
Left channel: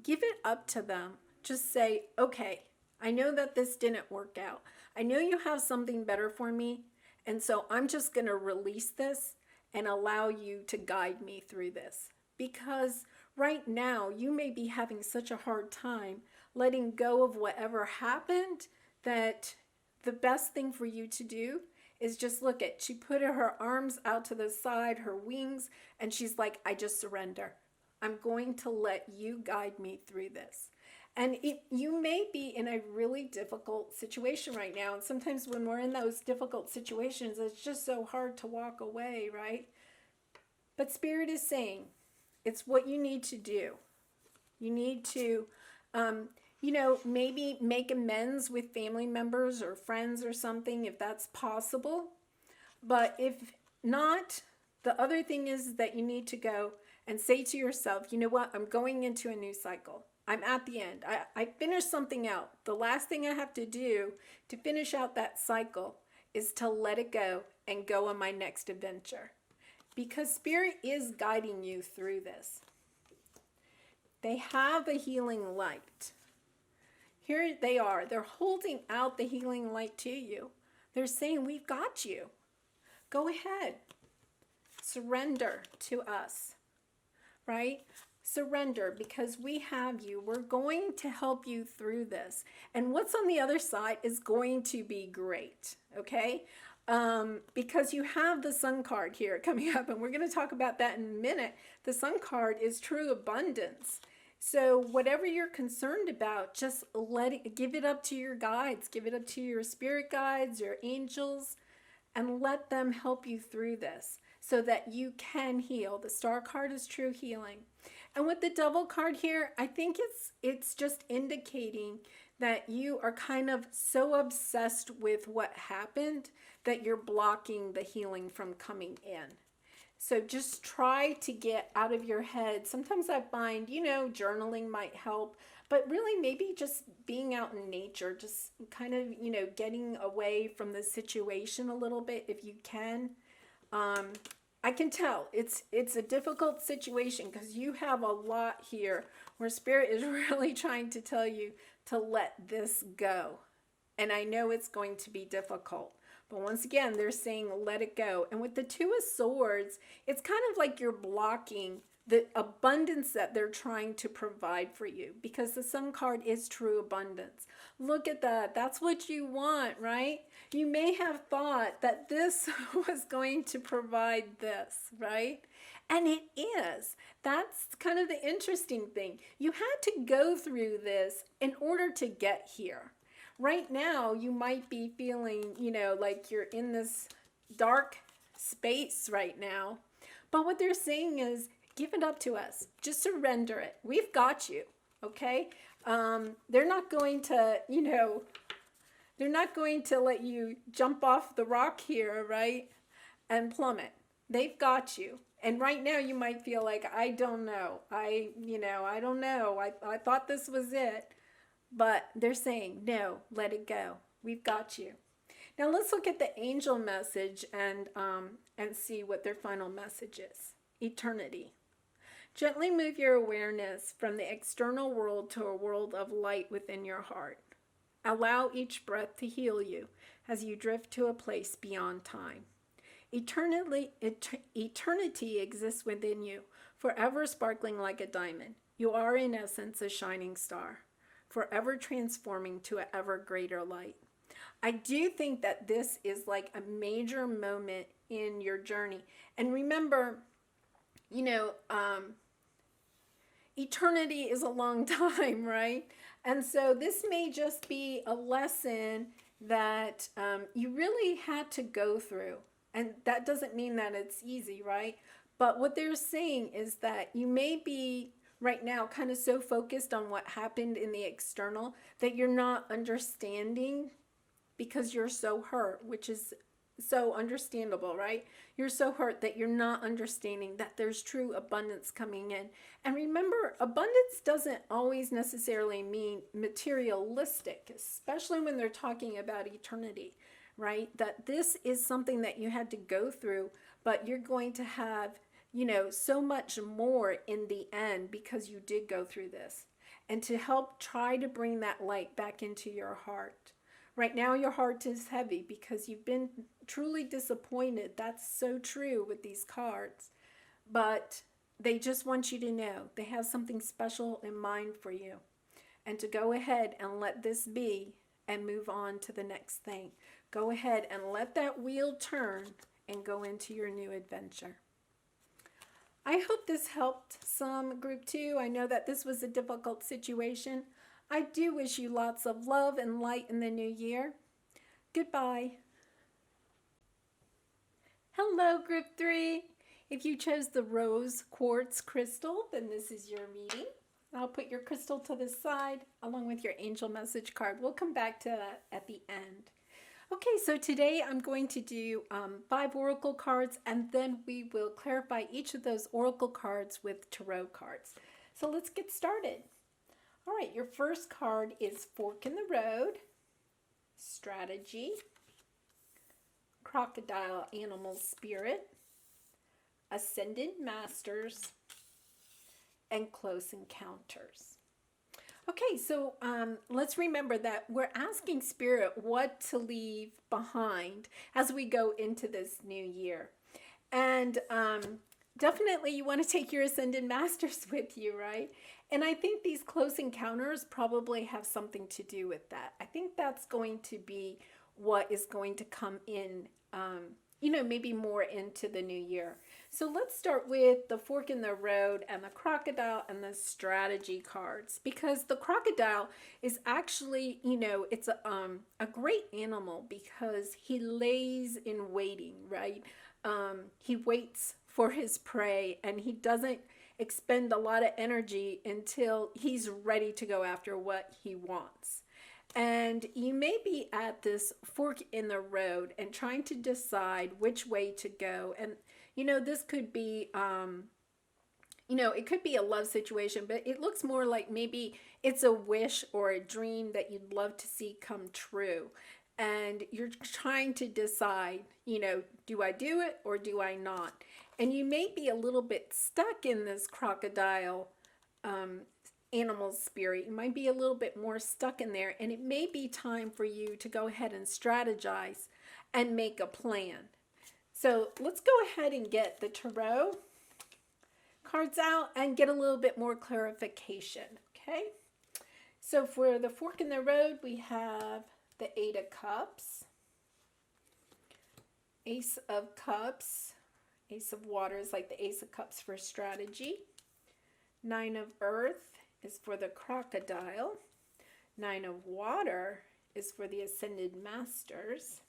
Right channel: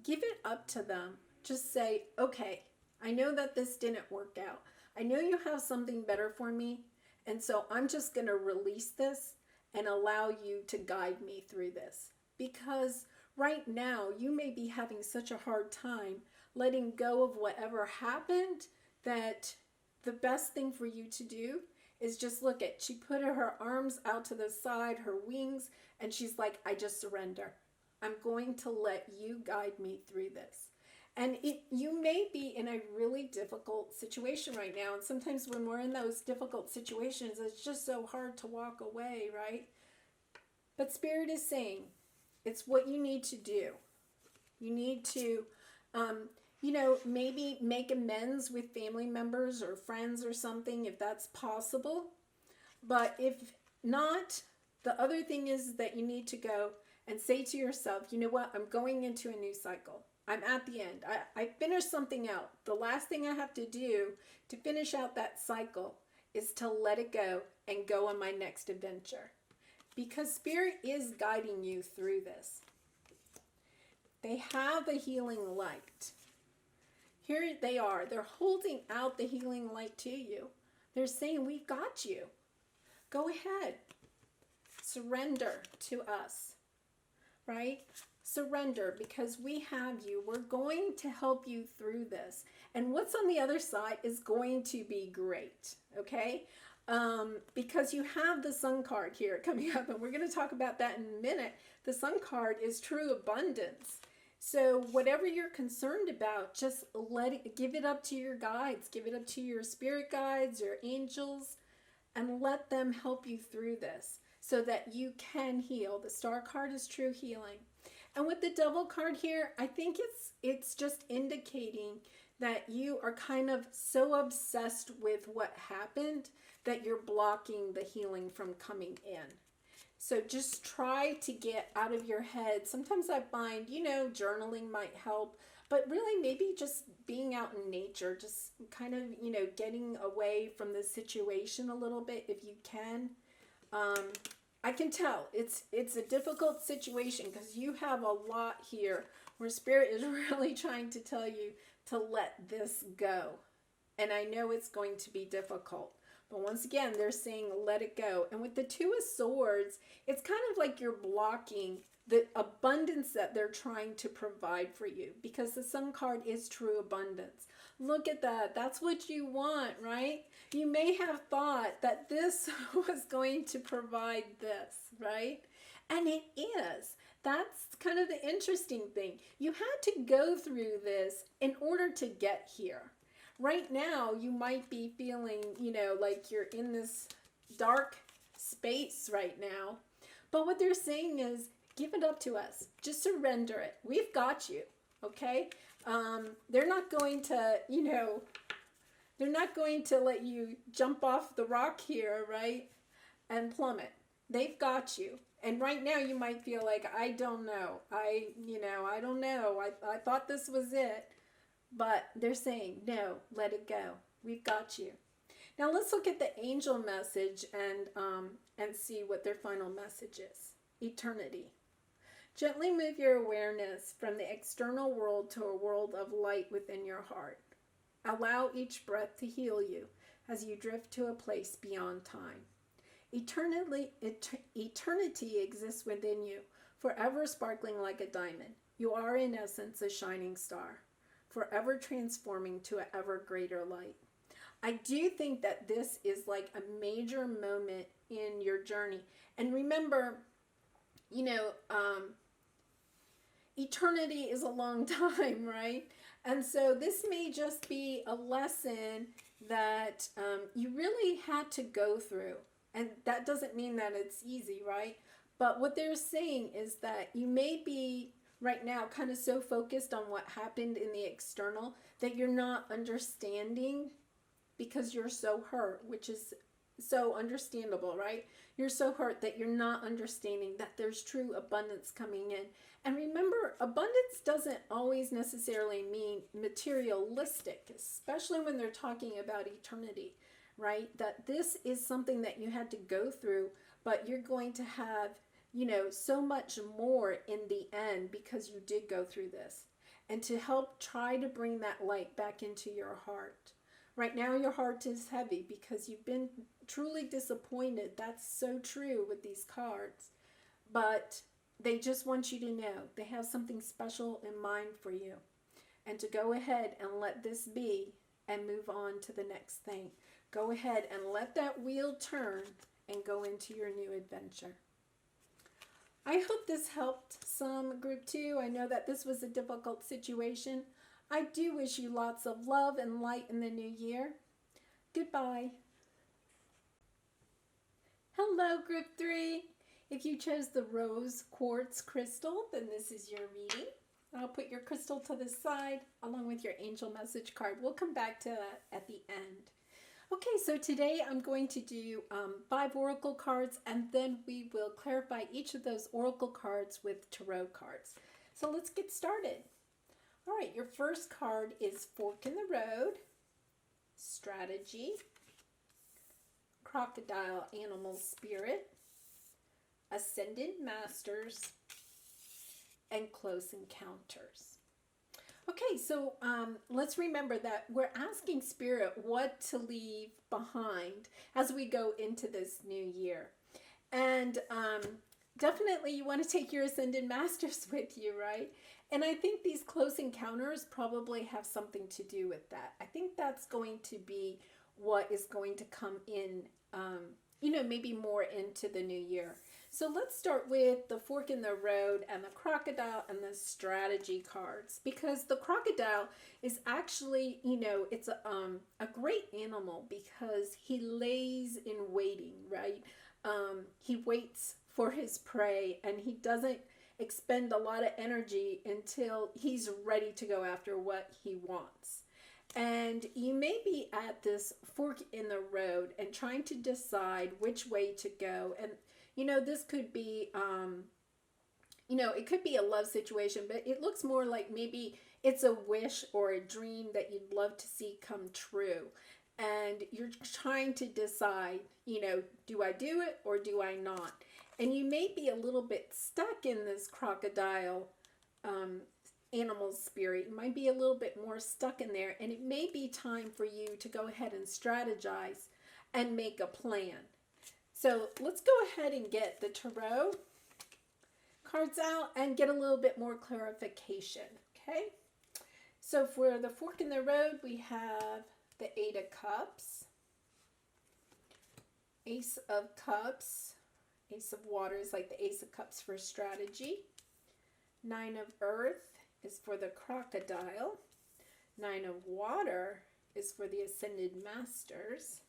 Give it up to them. Just say, okay, I know that this didn't work out. I know you have something better for me. And so I'm just going to release this and allow you to guide me through this. Because right now you may be having such a hard time letting go of whatever happened that the best thing for you to do is just look at, she put her arms out to the side, her wings, and she's like, I just surrender. I'm going to let you guide me through this. And you may be in a really difficult situation right now. And sometimes when we're in those difficult situations, it's just so hard to walk away, right? But Spirit is saying, it's what you need to do. You need to, you know, maybe make amends with family members or friends or something if that's possible. But if not, the other thing is that you need to go and say to yourself, you know what, I'm going into a new cycle. I'm at the end. I finished something out. The last thing I have to do to finish out that cycle is to let it go and go on my next adventure. Because Spirit is guiding you through this. They have a healing light. Here they are. They're holding out the healing light to you. They're saying, we've got you. Go ahead. Surrender to us. Right? Surrender, because we have you. We're going to help you through this. And what's on the other side is going to be great. Okay? Because you have the Sun card here coming up, and we're going to talk about that in a minute. The Sun card is true abundance. So whatever you're concerned about, just give it up to your guides, give it up to your spirit guides, your angels, and let them help you through this so that you can heal. The Star card is true healing. And with the Devil card here, I think it's just indicating that you are kind of so obsessed with what happened that you're blocking the healing from coming in. So just try to get out of your head. Sometimes I find, you know, journaling might help, but really maybe just being out in nature, just kind of, you know, getting away from the situation a little bit if you can. I can tell it's a difficult situation because you have a lot here where Spirit is really trying to tell you to let this go. And I know it's going to be difficult. But once again, they're saying let it go. And with the Two of Swords, it's kind of like you're blocking the abundance that they're trying to provide for you, because the Sun card is true abundance. Look at that. That's what you want, right? You may have thought that this was going to provide this, right? And it is. That's kind of the interesting thing. You had to go through this in order to get here. Right now, you might be feeling, you know, like you're in this dark space right now. But what they're saying is, give it up to us. Just surrender it. We've got you, okay? They're not going to, you know, they're not going to let you jump off the rock here, right? And plummet. They've got you. And right now you might feel like, I don't know. I don't know. I thought this was it. But they're saying, no, let it go. We've got you. Now let's look at the angel message and see what their final message is. Eternity. Gently move your awareness from the external world to a world of light within your heart. Allow each breath to heal you as you drift to a place beyond time. Eternity exists within you, forever sparkling like a diamond. You are in essence a shining star, forever transforming to an ever greater light. I do think that this is like a major moment in your journey. And remember, eternity is a long time, right? And so this may just be a lesson that you really had to go through. And that doesn't mean that it's easy, right? But what they're saying is that you may be right now kind of so focused on what happened in the external that you're not understanding because you're so hurt, which is so understandable, right? You're so hurt that you're not understanding that there's true abundance coming in. And remember, abundance doesn't always necessarily mean materialistic, especially when they're talking about eternity, right? That this is something that you had to go through, but you're going to have, so much more in the end because you did go through this. And to help try to bring that light back into your heart. Right now, your heart is heavy because you've been truly disappointed. That's so true with these cards. But they just want you to know they have something special in mind for you. And to go ahead and let this be and move on to the next thing. Go ahead and let that wheel turn and go into your new adventure. I hope this helped some, Group 2. I know that this was a difficult situation. I do wish you lots of love and light in the new year. Goodbye. Hello, Group 3. If you chose the rose quartz crystal, then this is your reading. I'll put your crystal to the side along with your angel message card. We'll come back to that at the end. Okay, so today I'm going to do 5 oracle cards, and then we will clarify each of those oracle cards with tarot cards. So let's get started. All right, your first card is Fork in the Road, Strategy, Crocodile Animal Spirit, Ascended Masters, and Close Encounters. Okay, so let's remember that we're asking Spirit what to leave behind as we go into this new year. And definitely you want to take your Ascended Masters with you, right? And I think these Close Encounters probably have something to do with that. I think that's going to be what is going to come in, maybe more into the new year. So let's start with the Fork in the Road and the Crocodile and the Strategy cards, because the crocodile is actually, it's a great animal because he lays in waiting, right? He waits for his prey and he doesn't expend a lot of energy until he's ready to go after what he wants. And you may be at this fork in the road and trying to decide which way to go. And this could be, it could be a love situation, but it looks more like maybe it's a wish or a dream that you'd love to see come true. And you're trying to decide, do I do it or do I not? And you may be a little bit stuck in this crocodile animal spirit. You might be a little bit more stuck in there, and it may be time for you to go ahead and strategize and make a plan. So let's go ahead and get the tarot cards out and get a little bit more clarification, okay? So for the Fork in the Road, we have the 8 of Cups, Ace of Cups, Ace of Waters, like the Ace of Cups for strategy. 9 of Earth is for the crocodile. 9 of Water is for the Ascended Masters.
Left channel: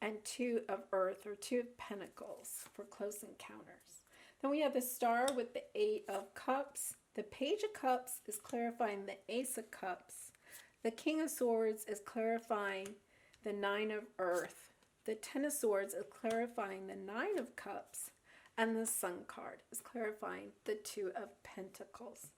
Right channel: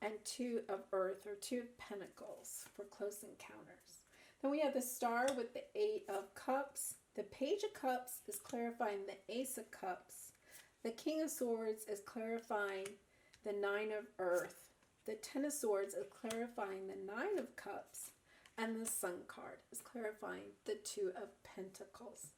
And 2 of Earth, or 2 of Pentacles, for Close Encounters. Then we have the Star with the 8 of Cups. The Page of Cups is clarifying the Ace of Cups. The King of Swords is clarifying the 9 of Earth. The Ten of Swords is clarifying the Nine of Cups, and the Sun card is clarifying the Two of Pentacles.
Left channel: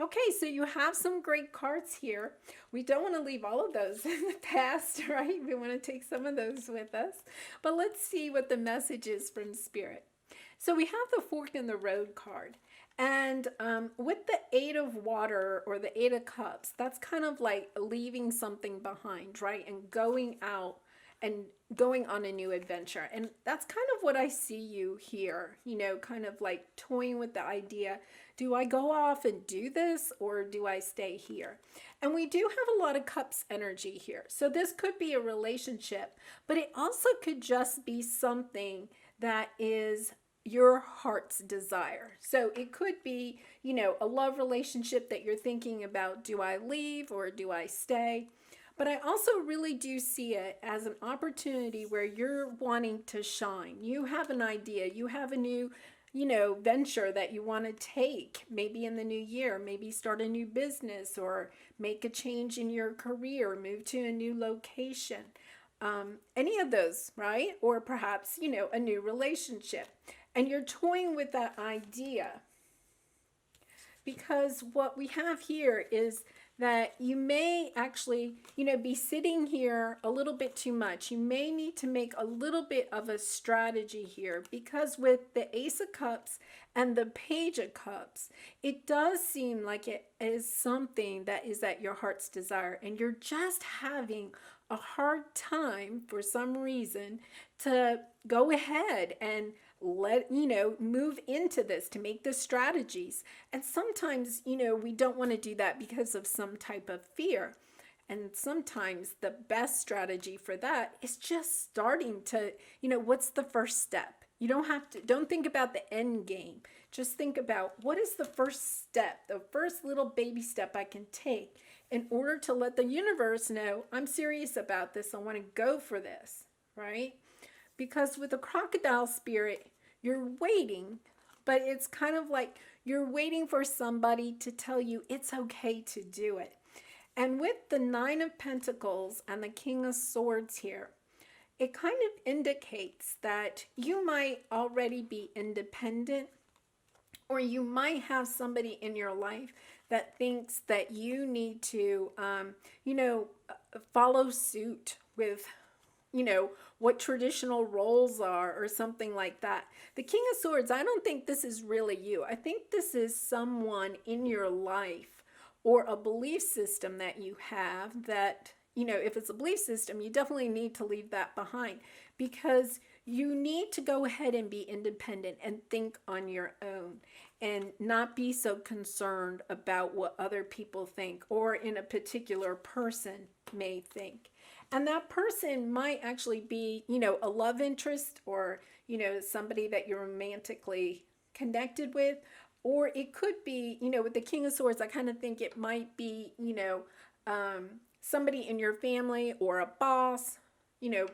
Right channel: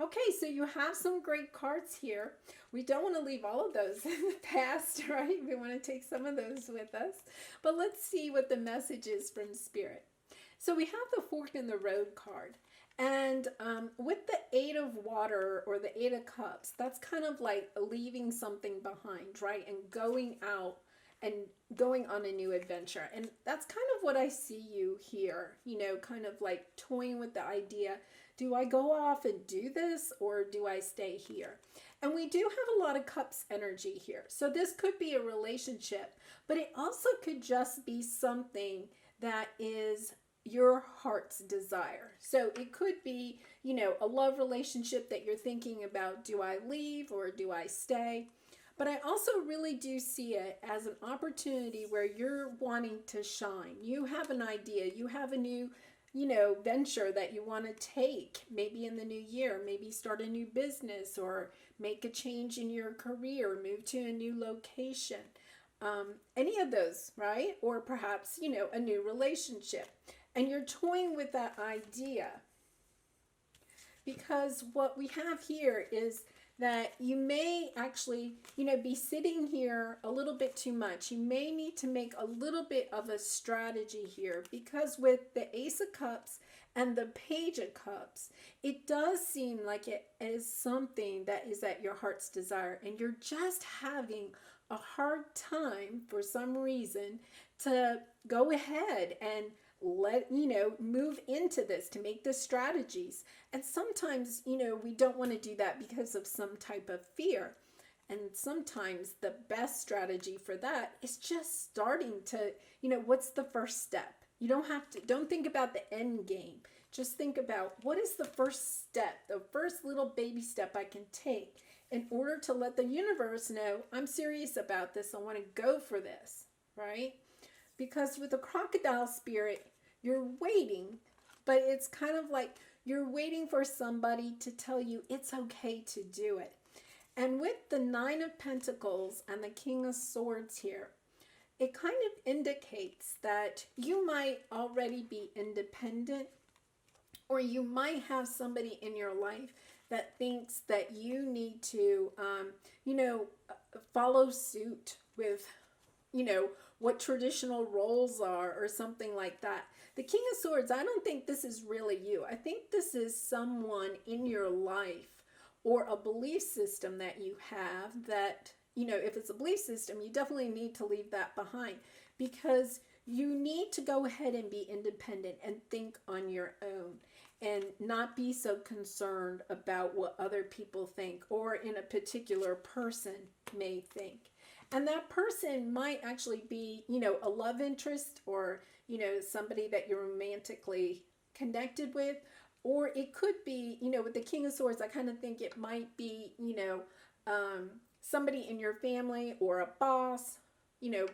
Okay, so you have some great cards here. We don't want to leave all of those in the past, right? We want to take some of those with us. But let's see what the message is from Spirit. So we have the Fork in the Road card. And with the Eight of Water or the Eight of Cups, that's kind of like leaving something behind, right? And going out and going on a new adventure. And that's kind of what I see you here, you know, kind of like toying with the idea, do I go off and do this or do I stay here? And we do have a lot of Cups energy here. So this could be a relationship, but it also could just be something that is your heart's desire. So it could be, you know, a love relationship that you're thinking about, do I leave or do I stay? But I also really do see it as an opportunity where you're wanting to shine. You have an idea, you have a new, you know, venture that you want to take, maybe in the new year, maybe start a new business or make a change in your career, move to a new location. Any of those, right? Or perhaps, you know, a new relationship. And you're toying with that idea because what we have here is that you may actually, you know, be sitting here a little bit too much. You may need to make a little bit of a strategy here because with the Ace of Cups and the Page of Cups, it does seem like it is something that is at your heart's desire and you're just having a hard time for some reason to go ahead and move into this, to make the strategies. And sometimes, you know, we don't want to do that because of some type of fear. And sometimes the best strategy for that is just starting to, you know, what's the first step? You don't think about the end game. Just think about what is the first step, the first little baby step I can take in order to let the universe know I'm serious about this. I want to go for this, right? Because with the crocodile spirit, you're waiting, but it's kind of like you're waiting for somebody to tell you it's okay to do it. And with the Nine of Pentacles and the King of Swords here, it kind of indicates that you might already be independent, or you might have somebody in your life that thinks that you need to, follow suit with, what traditional roles are or something like that. The King of Swords, I don't think this is really you. I think this is someone in your life or a belief system that you have that, if it's a belief system, you definitely need to leave that behind because you need to go ahead and be independent and think on your own and not be so concerned about what other people think or in a particular person may think. And that person might actually be, a love interest or, somebody that you're romantically connected with. Or it could be, with the King of Swords, I kind of think it might be, somebody in your family or a boss,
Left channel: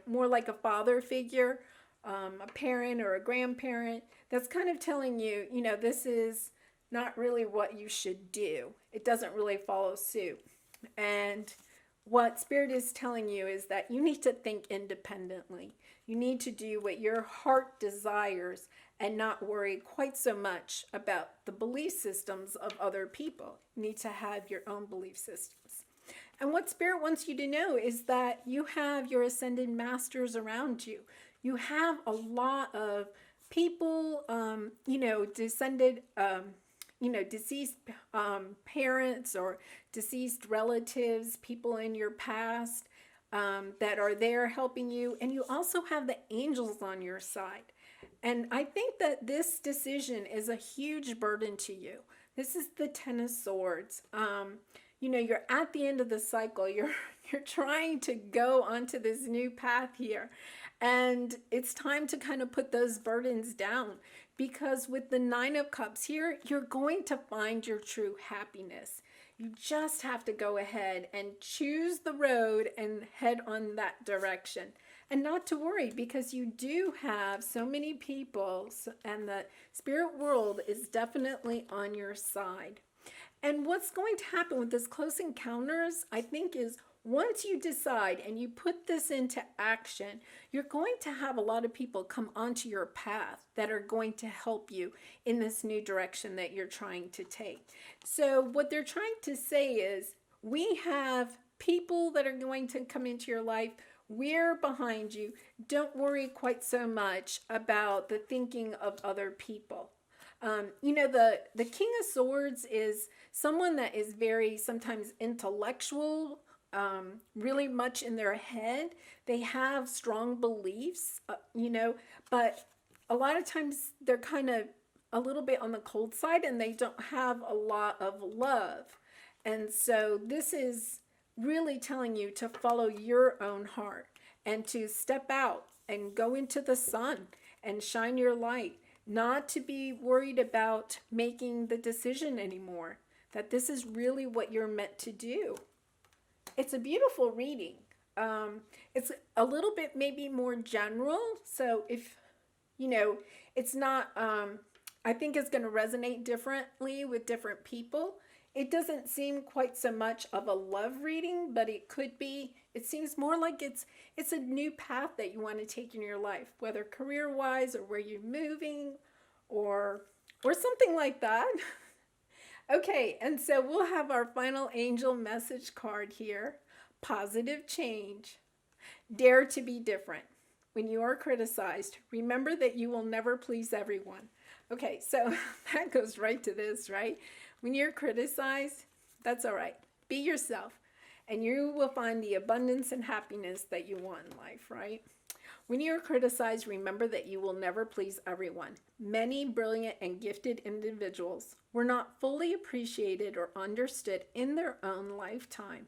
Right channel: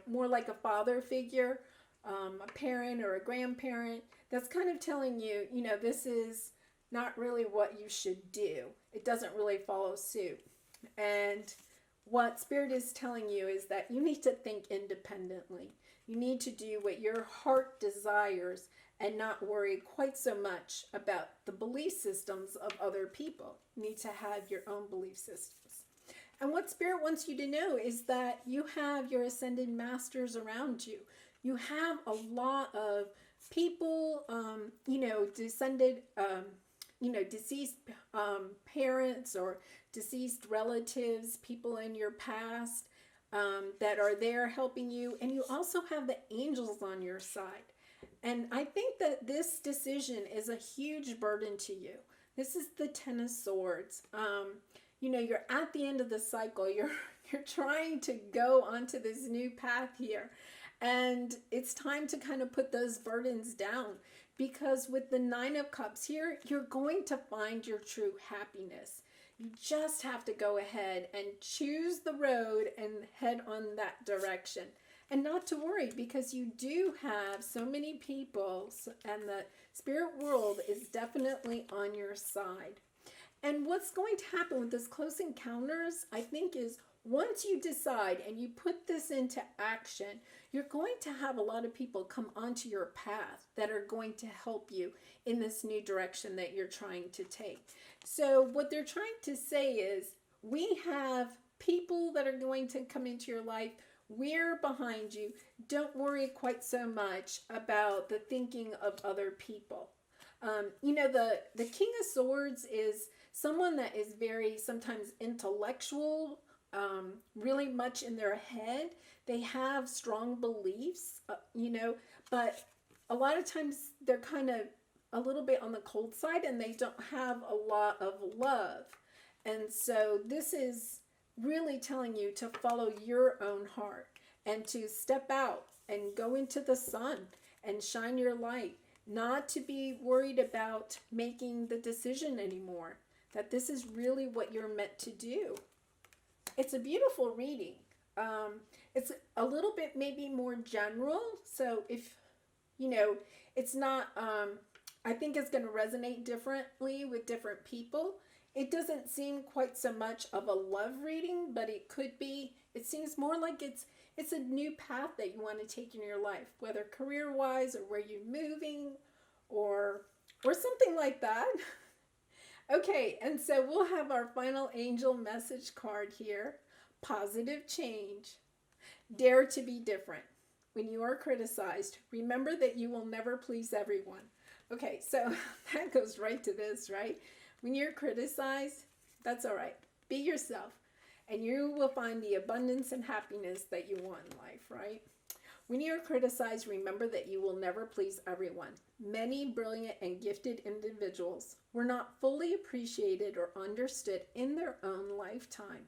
more like a father figure, a parent or a grandparent that's kind of telling you, this is not really what you should do. It doesn't really follow suit. And what Spirit is telling you is that you need to think independently. You need to do what your heart desires and not worry quite so much about the belief systems of other people. You need to have your own belief systems. And what Spirit wants you to know is that you have your ascended masters around you. You have a lot of people, descended, deceased parents or deceased relatives, people in your past that are there helping you. And you also have the angels on your side. And I think that this decision is a huge burden to you. This is the Ten of Swords. You're at the end of the cycle. You're trying to go onto this new path here. And it's time to kind of put those burdens down because with the Nine of Cups here, you're going to find your true happiness. You just have to go ahead and choose the road and head on that direction. And not to worry because you do have so many people and the spirit world is definitely on your side. And what's going to happen with this close encounters, I think, is once you decide and you put this into action, you're going to have a lot of people come onto your path that are going to help you in this new direction that you're trying to take. So what they're trying to say is, we have people that are going to come into your life. We're behind you. Don't worry quite so much about the thinking of other people. The King of Swords is someone that is very sometimes intellectual, really much in their head. They have strong beliefs, but a lot of times they're kind of a little bit on the cold side, and they don't have a lot of love. And so this is really telling you to follow your own heart and to step out and go into the sun and shine your light, not to be worried about making the decision anymore, that this is really what you're meant to do. It's a beautiful reading. It's a little bit maybe more general. So if, it's not, I think it's going to resonate differently with different people. It doesn't seem quite so much of a love reading, but it could be. It seems more like it's a new path that you want to take in your life, whether career-wise or where you're moving or something like that. Okay, and so we'll have our final angel message card here. Positive change. Dare to be different. When you are criticized, remember that you will never please everyone. Okay, so that goes right to this, right? When you're criticized, that's all right. Be yourself, and you will find the abundance and happiness that you want in life, right? When you're criticized, remember that you will never please everyone. Many brilliant and gifted individuals were not fully appreciated or understood in their own lifetime.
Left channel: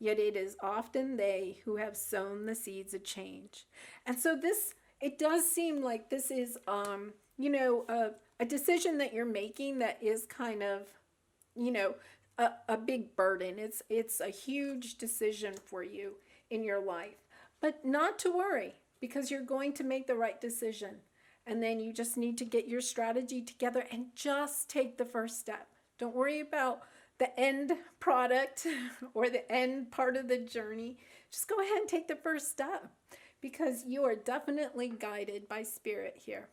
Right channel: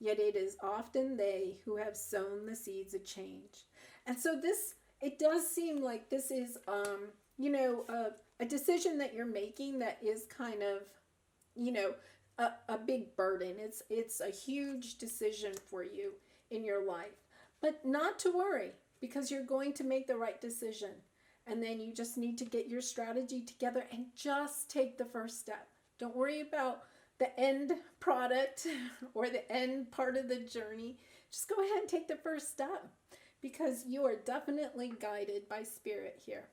Yet it is often they who have sown the seeds of change. And so it does seem like this is, a decision that you're making that is kind of, a big burden. It's a huge decision for you in your life. But not to worry, because you're going to make the right decision. And then you just need to get your strategy together and just take the first step. Don't worry about the end product or the end part of the journey. Just go ahead and take the first step, because you are definitely guided by spirit here.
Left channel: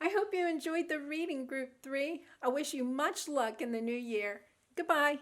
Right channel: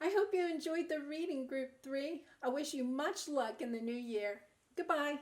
I hope you enjoyed the reading, Group 3. I wish you much luck in the new year. Goodbye.